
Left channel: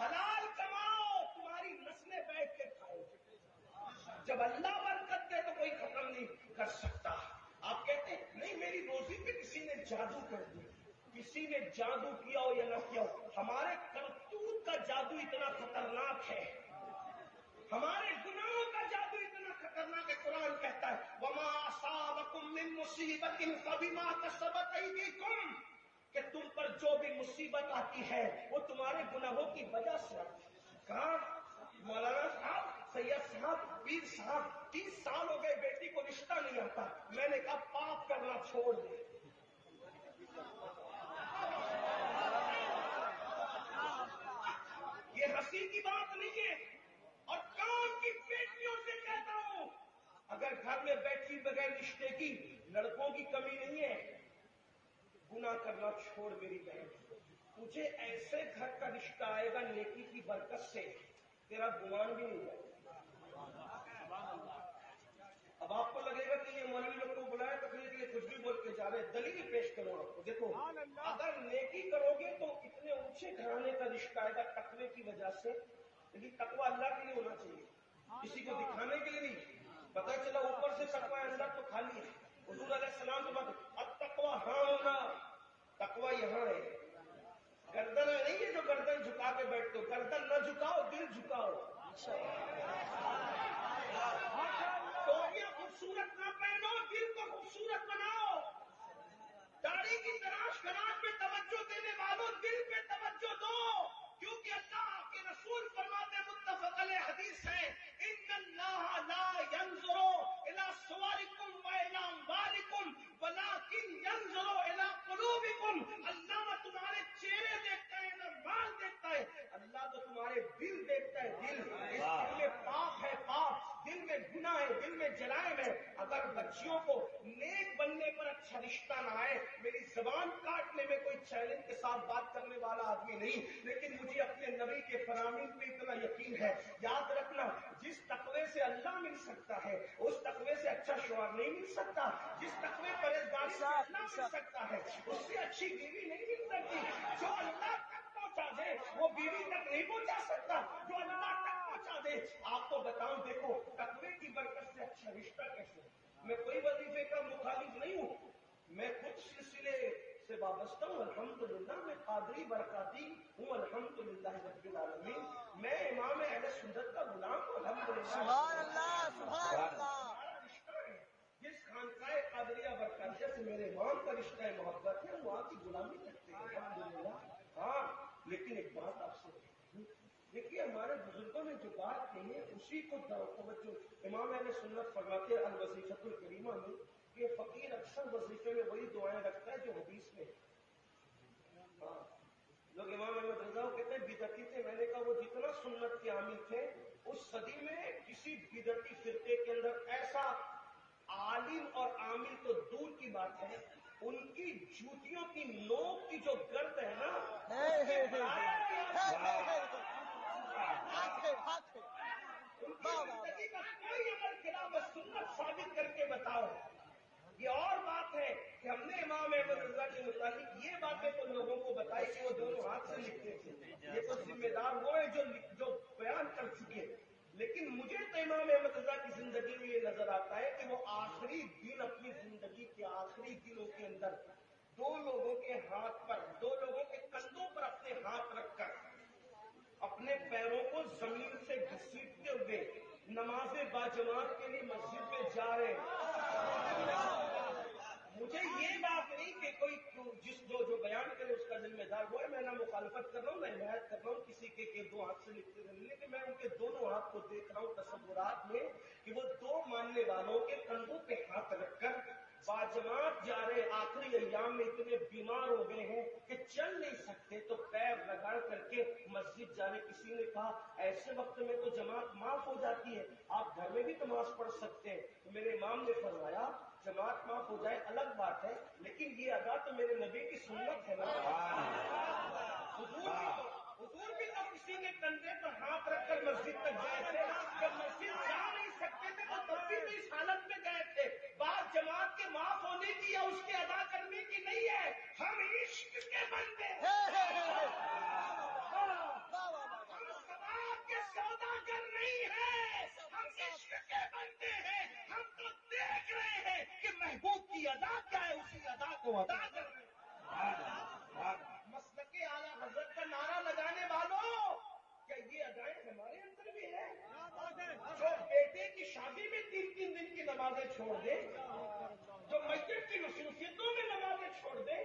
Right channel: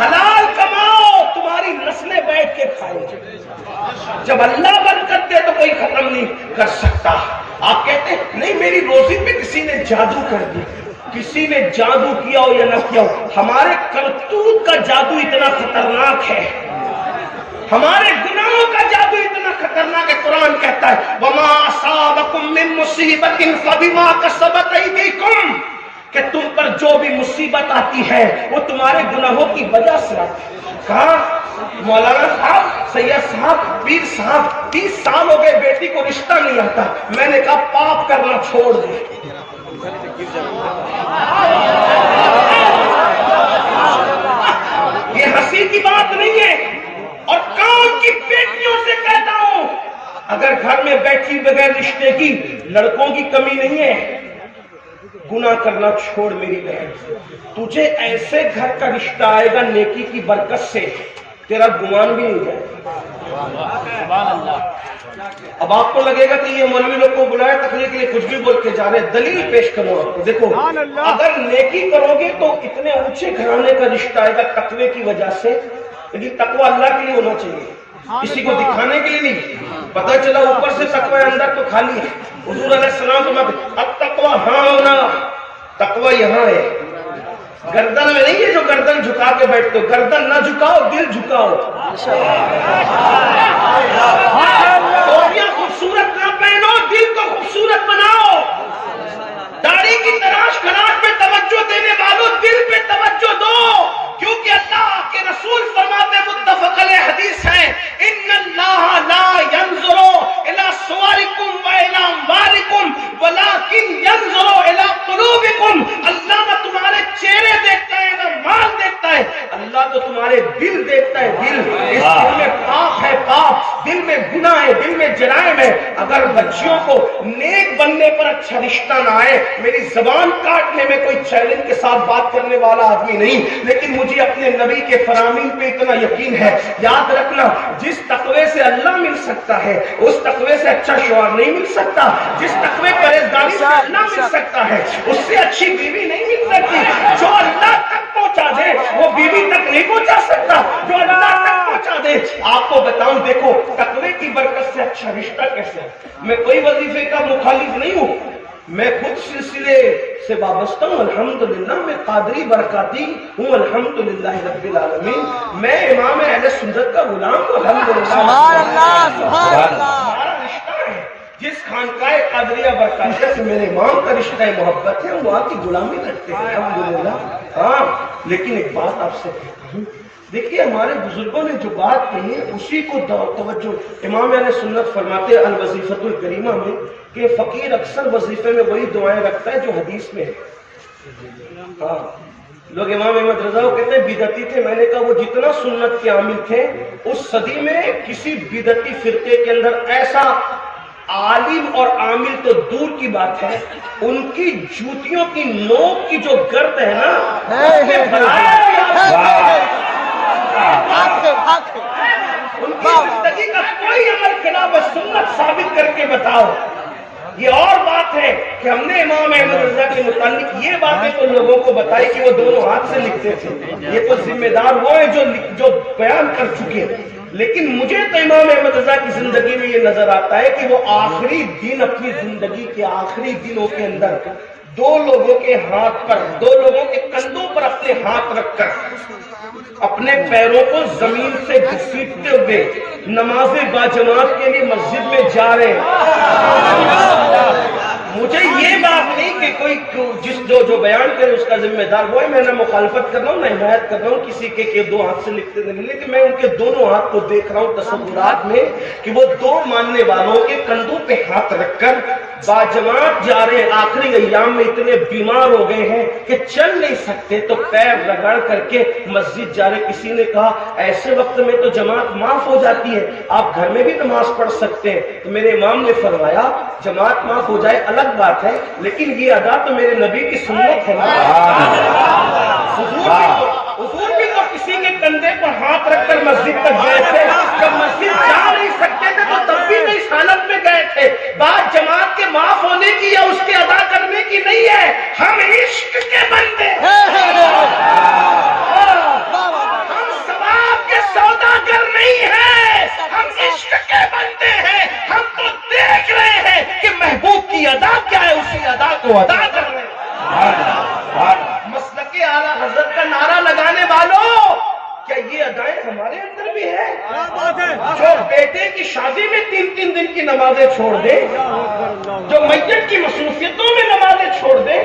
حلال کماؤ تمہاری نسلیں بیٹھ کے کھائیں. جب اللہ برکت دے تو کوئی ختم نہیں کر سکتا. آپ کہتے ہیں نہیں میری روزی پہ کسی نے جادو کر دی. کسی نے جادو کیا ہو یا نہ کیا ہو, ہمارے کرتوت کا جادو اتنا خطرناک ہے. ہمارے گناہوں کا جادو اتنا خطرناک ہے. قرآن کہتا ہے وما اصابکم من مصیبت فبما کسبت ایدیکم, کہ تم پر جو بھی مصیبت آتی ہے وہ تمہارے گناہوں کی وجہ سے آتی ہے. کہا مولانا صاحب, سید صاحب, پیر صاحب 30 سال ہو گئے بیٹی کو رشتہ نہیں آتا. میں نے کہا پاپ کرنا چھوڑ دے. یہ ہنسی کی بات نہیں ہے. اور کام کی بیٹیوں سے کہتا ہوں اگر گھر میں بیٹھی بغیر رشتے کی لڑکوں کی کمی نہیں ہے, گناہ کرنا چھوڑ میری بہن. تجھے ایسے گھر کا رشتہ آئے گا نیکی کی برکت سے تیرا گمان بھی نہیں جائے. اب آپ کو لگے گا کہ یہ مولوی لوگ کو بلایا تقریر کے لیے کچھ بھی بول کے جا رہے. دلیل پیش کرو آپ کو. دیکھو اگر نیکی کرو گے تو اتنے اونچے گھرانے کا رشتہ آئے گا تقوی کی وجہ سے. لیکن تقوی اللہ کے لیے ہونا چاہیے, کسی کو دکھانے کے لیے نہیں. پتہ چلا اوپر سے تقوی اندر تو خالی ہے. حضور علیہ السلام تو اب تقوی ہاں ہونا, تقوی یہاں ہے, گردن میں نہیں ہے جو گردن جھکا کے بیٹھتے ہو. گردن نہ جھکاؤ, دل جھکاؤ. ٹوپیاں خوبصورت نہ پہنو, دل کو خوبصورت بناؤ. داڑھی کی تراش خراش پہ توجہ دینے والوں دل پہ توجہ دو, کیونکہ اللہ کے رسول فرماتے متفق علیہ حدیث ہے ان اللہ لا ينظر الى صورکم والى اموالکم ولکن ينظر الى قلوبکم. اللہ نہ تمہارے چہرے دیکھتا ہے نہ مال دیکھتا ہے, اللہ تو تمہارے دل دیکھتا ہے. دل, اس دل میں پاپ ہے, پاپ دل میں گناہ ہے, دل میں جرائم ہے. اگر بچیوں کو نیک بننے پر اچھا رشتہ نہ آئے, میری زبان کاٹنے میں کوئی چیلنج کے ساتھ بات کرنے والا آدمی نہیں, لیکن مجھے اپنے نبی کے فرامین پہ اتنا یقین ہے. یاد رکھنا جس تقوی سے اللہ مل سکتا ہے اس تقوی سے اچھا شوہر نہیں مل سکتا. جس تقوی پرہیزگاری سے اللہ مل سکتا ہے اس سے اچھی بیوی نہیں مل سکتی. جو اللہ تک پہنچا دے وہ بیوی تک نہیں پہنچا سکتا جو اللہ تک پہنچا دے. آپ کو بتاؤں دیکھو تقوی کی برکت سے اچھا رشتہ کیسے. میں کوئی وظیفے کا مخالف نہیں ہوں, میں خود سلسلے سے وابستہ ہوں الحمدللہ. میں قادری برکاتی ہوں الحمدللہ رب العالمین. میں امام اہل سنت کا غلام ہوں الحمدللہ. سبحان اللہ, سبحان اللہ. ہمارا رشتہ ہے جس خانقاہ قادریہ برکاتیہ سے میرے امام کا رشتہ محبت ہے, ہم وہاں کی غلامی کرتے ہیں الحمدللہ. ہاں لیکن ایک بات آپ سے کہتا ہوں, دیکھیے ہمارے بزرگوں نے جو بات کہی ہے اسی کو توجہ. امام اہل سنت فرماتے ہیں الوظیفۃ الکریمہ میں کہ فقیر اکثر وظیفے میں وہی دعائیں رکھتا ہے جو حدیث میں ہے. ہاں لوگ امام احمد رضا کو کہتے ہیں بدعتی تھے. میں نے کہا وہ جتنا سنت کے عامل تھے اس صدی میں کسی بدعتی فرقے کے اندر ایسا عالم اور عامل تو دور کی بات ہے، ان کی جوتیوں کی نوک کی جو گرد ہے نا اس کے ان کی زندگی کا کوئی عمل خلاف سنت ثابت کر کے بتاؤ. یہ اور بات ہے کہ ہم نے امام احمد رضا کے متعلق یہ باتیں تو لوگوں کو بتائی کہ وہ دونوں ہاتھ سے لکھتے تھے. یہ تو ذمہ دار وہ ہیں جو بیان کر چکے. لیکن مجھے تو امام احمد رضا کی زندگی میں یہ نظر آتا ہے کہ وہ آخری دن اپنی زندگی کے آخری دنوں کے اندر دو لوگوں کے ہاتھ پر، دو لوگوں کے کندھوں پر اپنے ہاتھ رکھ کر اپنے پیروں کو زمین سے گھسیٹتے ہوئے نماز باجماعت کے لیے مسجد میں جا رہے ہیں. مجھے یہ بات نہیں کہ کوئی جو بیان کرے اس کا ذمہ دار وہ ہے. میں نہ مخالفت کر رہا ہوں نہ حمایت کر رہا ہوں کسی کے دو ہاتھ سے لکھتے نہیں، لیکن میں ان کے دونوں ہاتھ کو دیکھ رہا ہوں تصورات میں کہ وہ دو ماننے والوں کے کندھوں پہ ہاتھ رکھ کر باجماعت جا رہے ہیں. آخری ایام میں اتنے بیمار ہو گئے ہیں کہ چل نہیں سکتے تو پیر رگڑ کر کے مسجد جا رہے. کسی نے کہا ایسے وقت میں تو جماعت معاف ہو جاتی ہے، آپ گھر میں بھی نماز پڑھ سکتے ہیں. تو میرے امام نے فرمایا جماعت معاف ہو جائے الگ بات ہے، لیکن یہ ادا تو میرے نبی کی سنت ہے. حضور بھی تو کسی کے کندھے پر ہاتھ رکھ کر مسجد تک گئے تھے. جب مسجد جا نہیں سکتے تھے تو تب بھی تو اس حالت میں گئے تھے. بات جماعت کے معاف ہونے کی یا اس کے ادا کرنے کی نہیں ہے، ہم عشق کے بندے سوداگر نہیں ہے، ہم عشق کے بندے ہیں. ہم تو دیکھ رہے ہیں کہ محبوب کی ادا کیا ہے، اسی ادا کو ادا کر رہے ہیں. مسلک اعلیٰ حضرت کا نعرہ لگانے والوں، کیا یہ ادائیں ہمارے اندر بھی ہے؟ جو بیٹے کی شادی میں 3 دن کی نمازیں چھوڑ دے، جو میت کی مصروفیتوں میں نمازیں چھوڑ دے،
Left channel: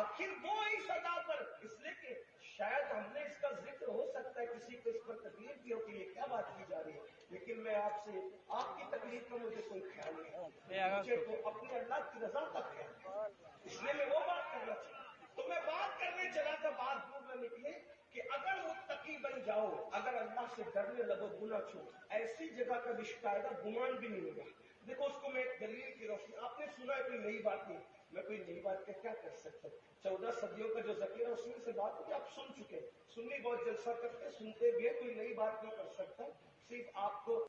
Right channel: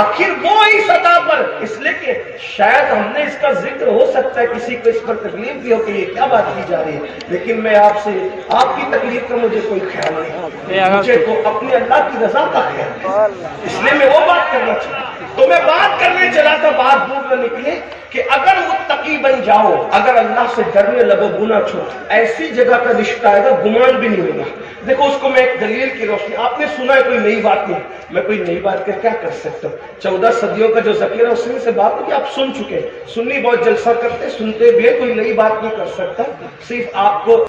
آخر وہ اس ادا پر. اس لیے کہ شاید ہم نے اس کا ذکر ہو سکتا ہے کسی کو اس پر تکلیف بھی ہو کہ یہ کیا بات کی جا رہی ہے، لیکن میں آپ سے آپ کی تکلیف کا مجھے کوئی خیال نہیں، مجھے تو اپنے اللہ کی رضا کا خیال ہے. اس لیے میں وہ بات کرنا چاہتا ہوں. تو میں بات کرنے چلا تھا، بات دور نہ نکلے کہ اگر متقی بن جاؤ، اگر اللہ سے ڈرنے لگو، گناہ چھوڑ، ایسی جگہ کا رشتہ آئے گا گمان بھی نہیں ہوگا. دیکھو اس کو میں ایک دلیل کی روشنی، آپ نے سنا ہے کوئی نئی بات نہیں، میں کوئی نئی بات کر کیا کر سکتا ہوں. 14 صدیوں کا جو ذخیرہ اس میں سے بات کہ آپ سن چکے. سنی بہت جلسہ کرتے، سنتے بھی ہے، کوئی نئی بات نہیں کر سکتا. صرف آپ کو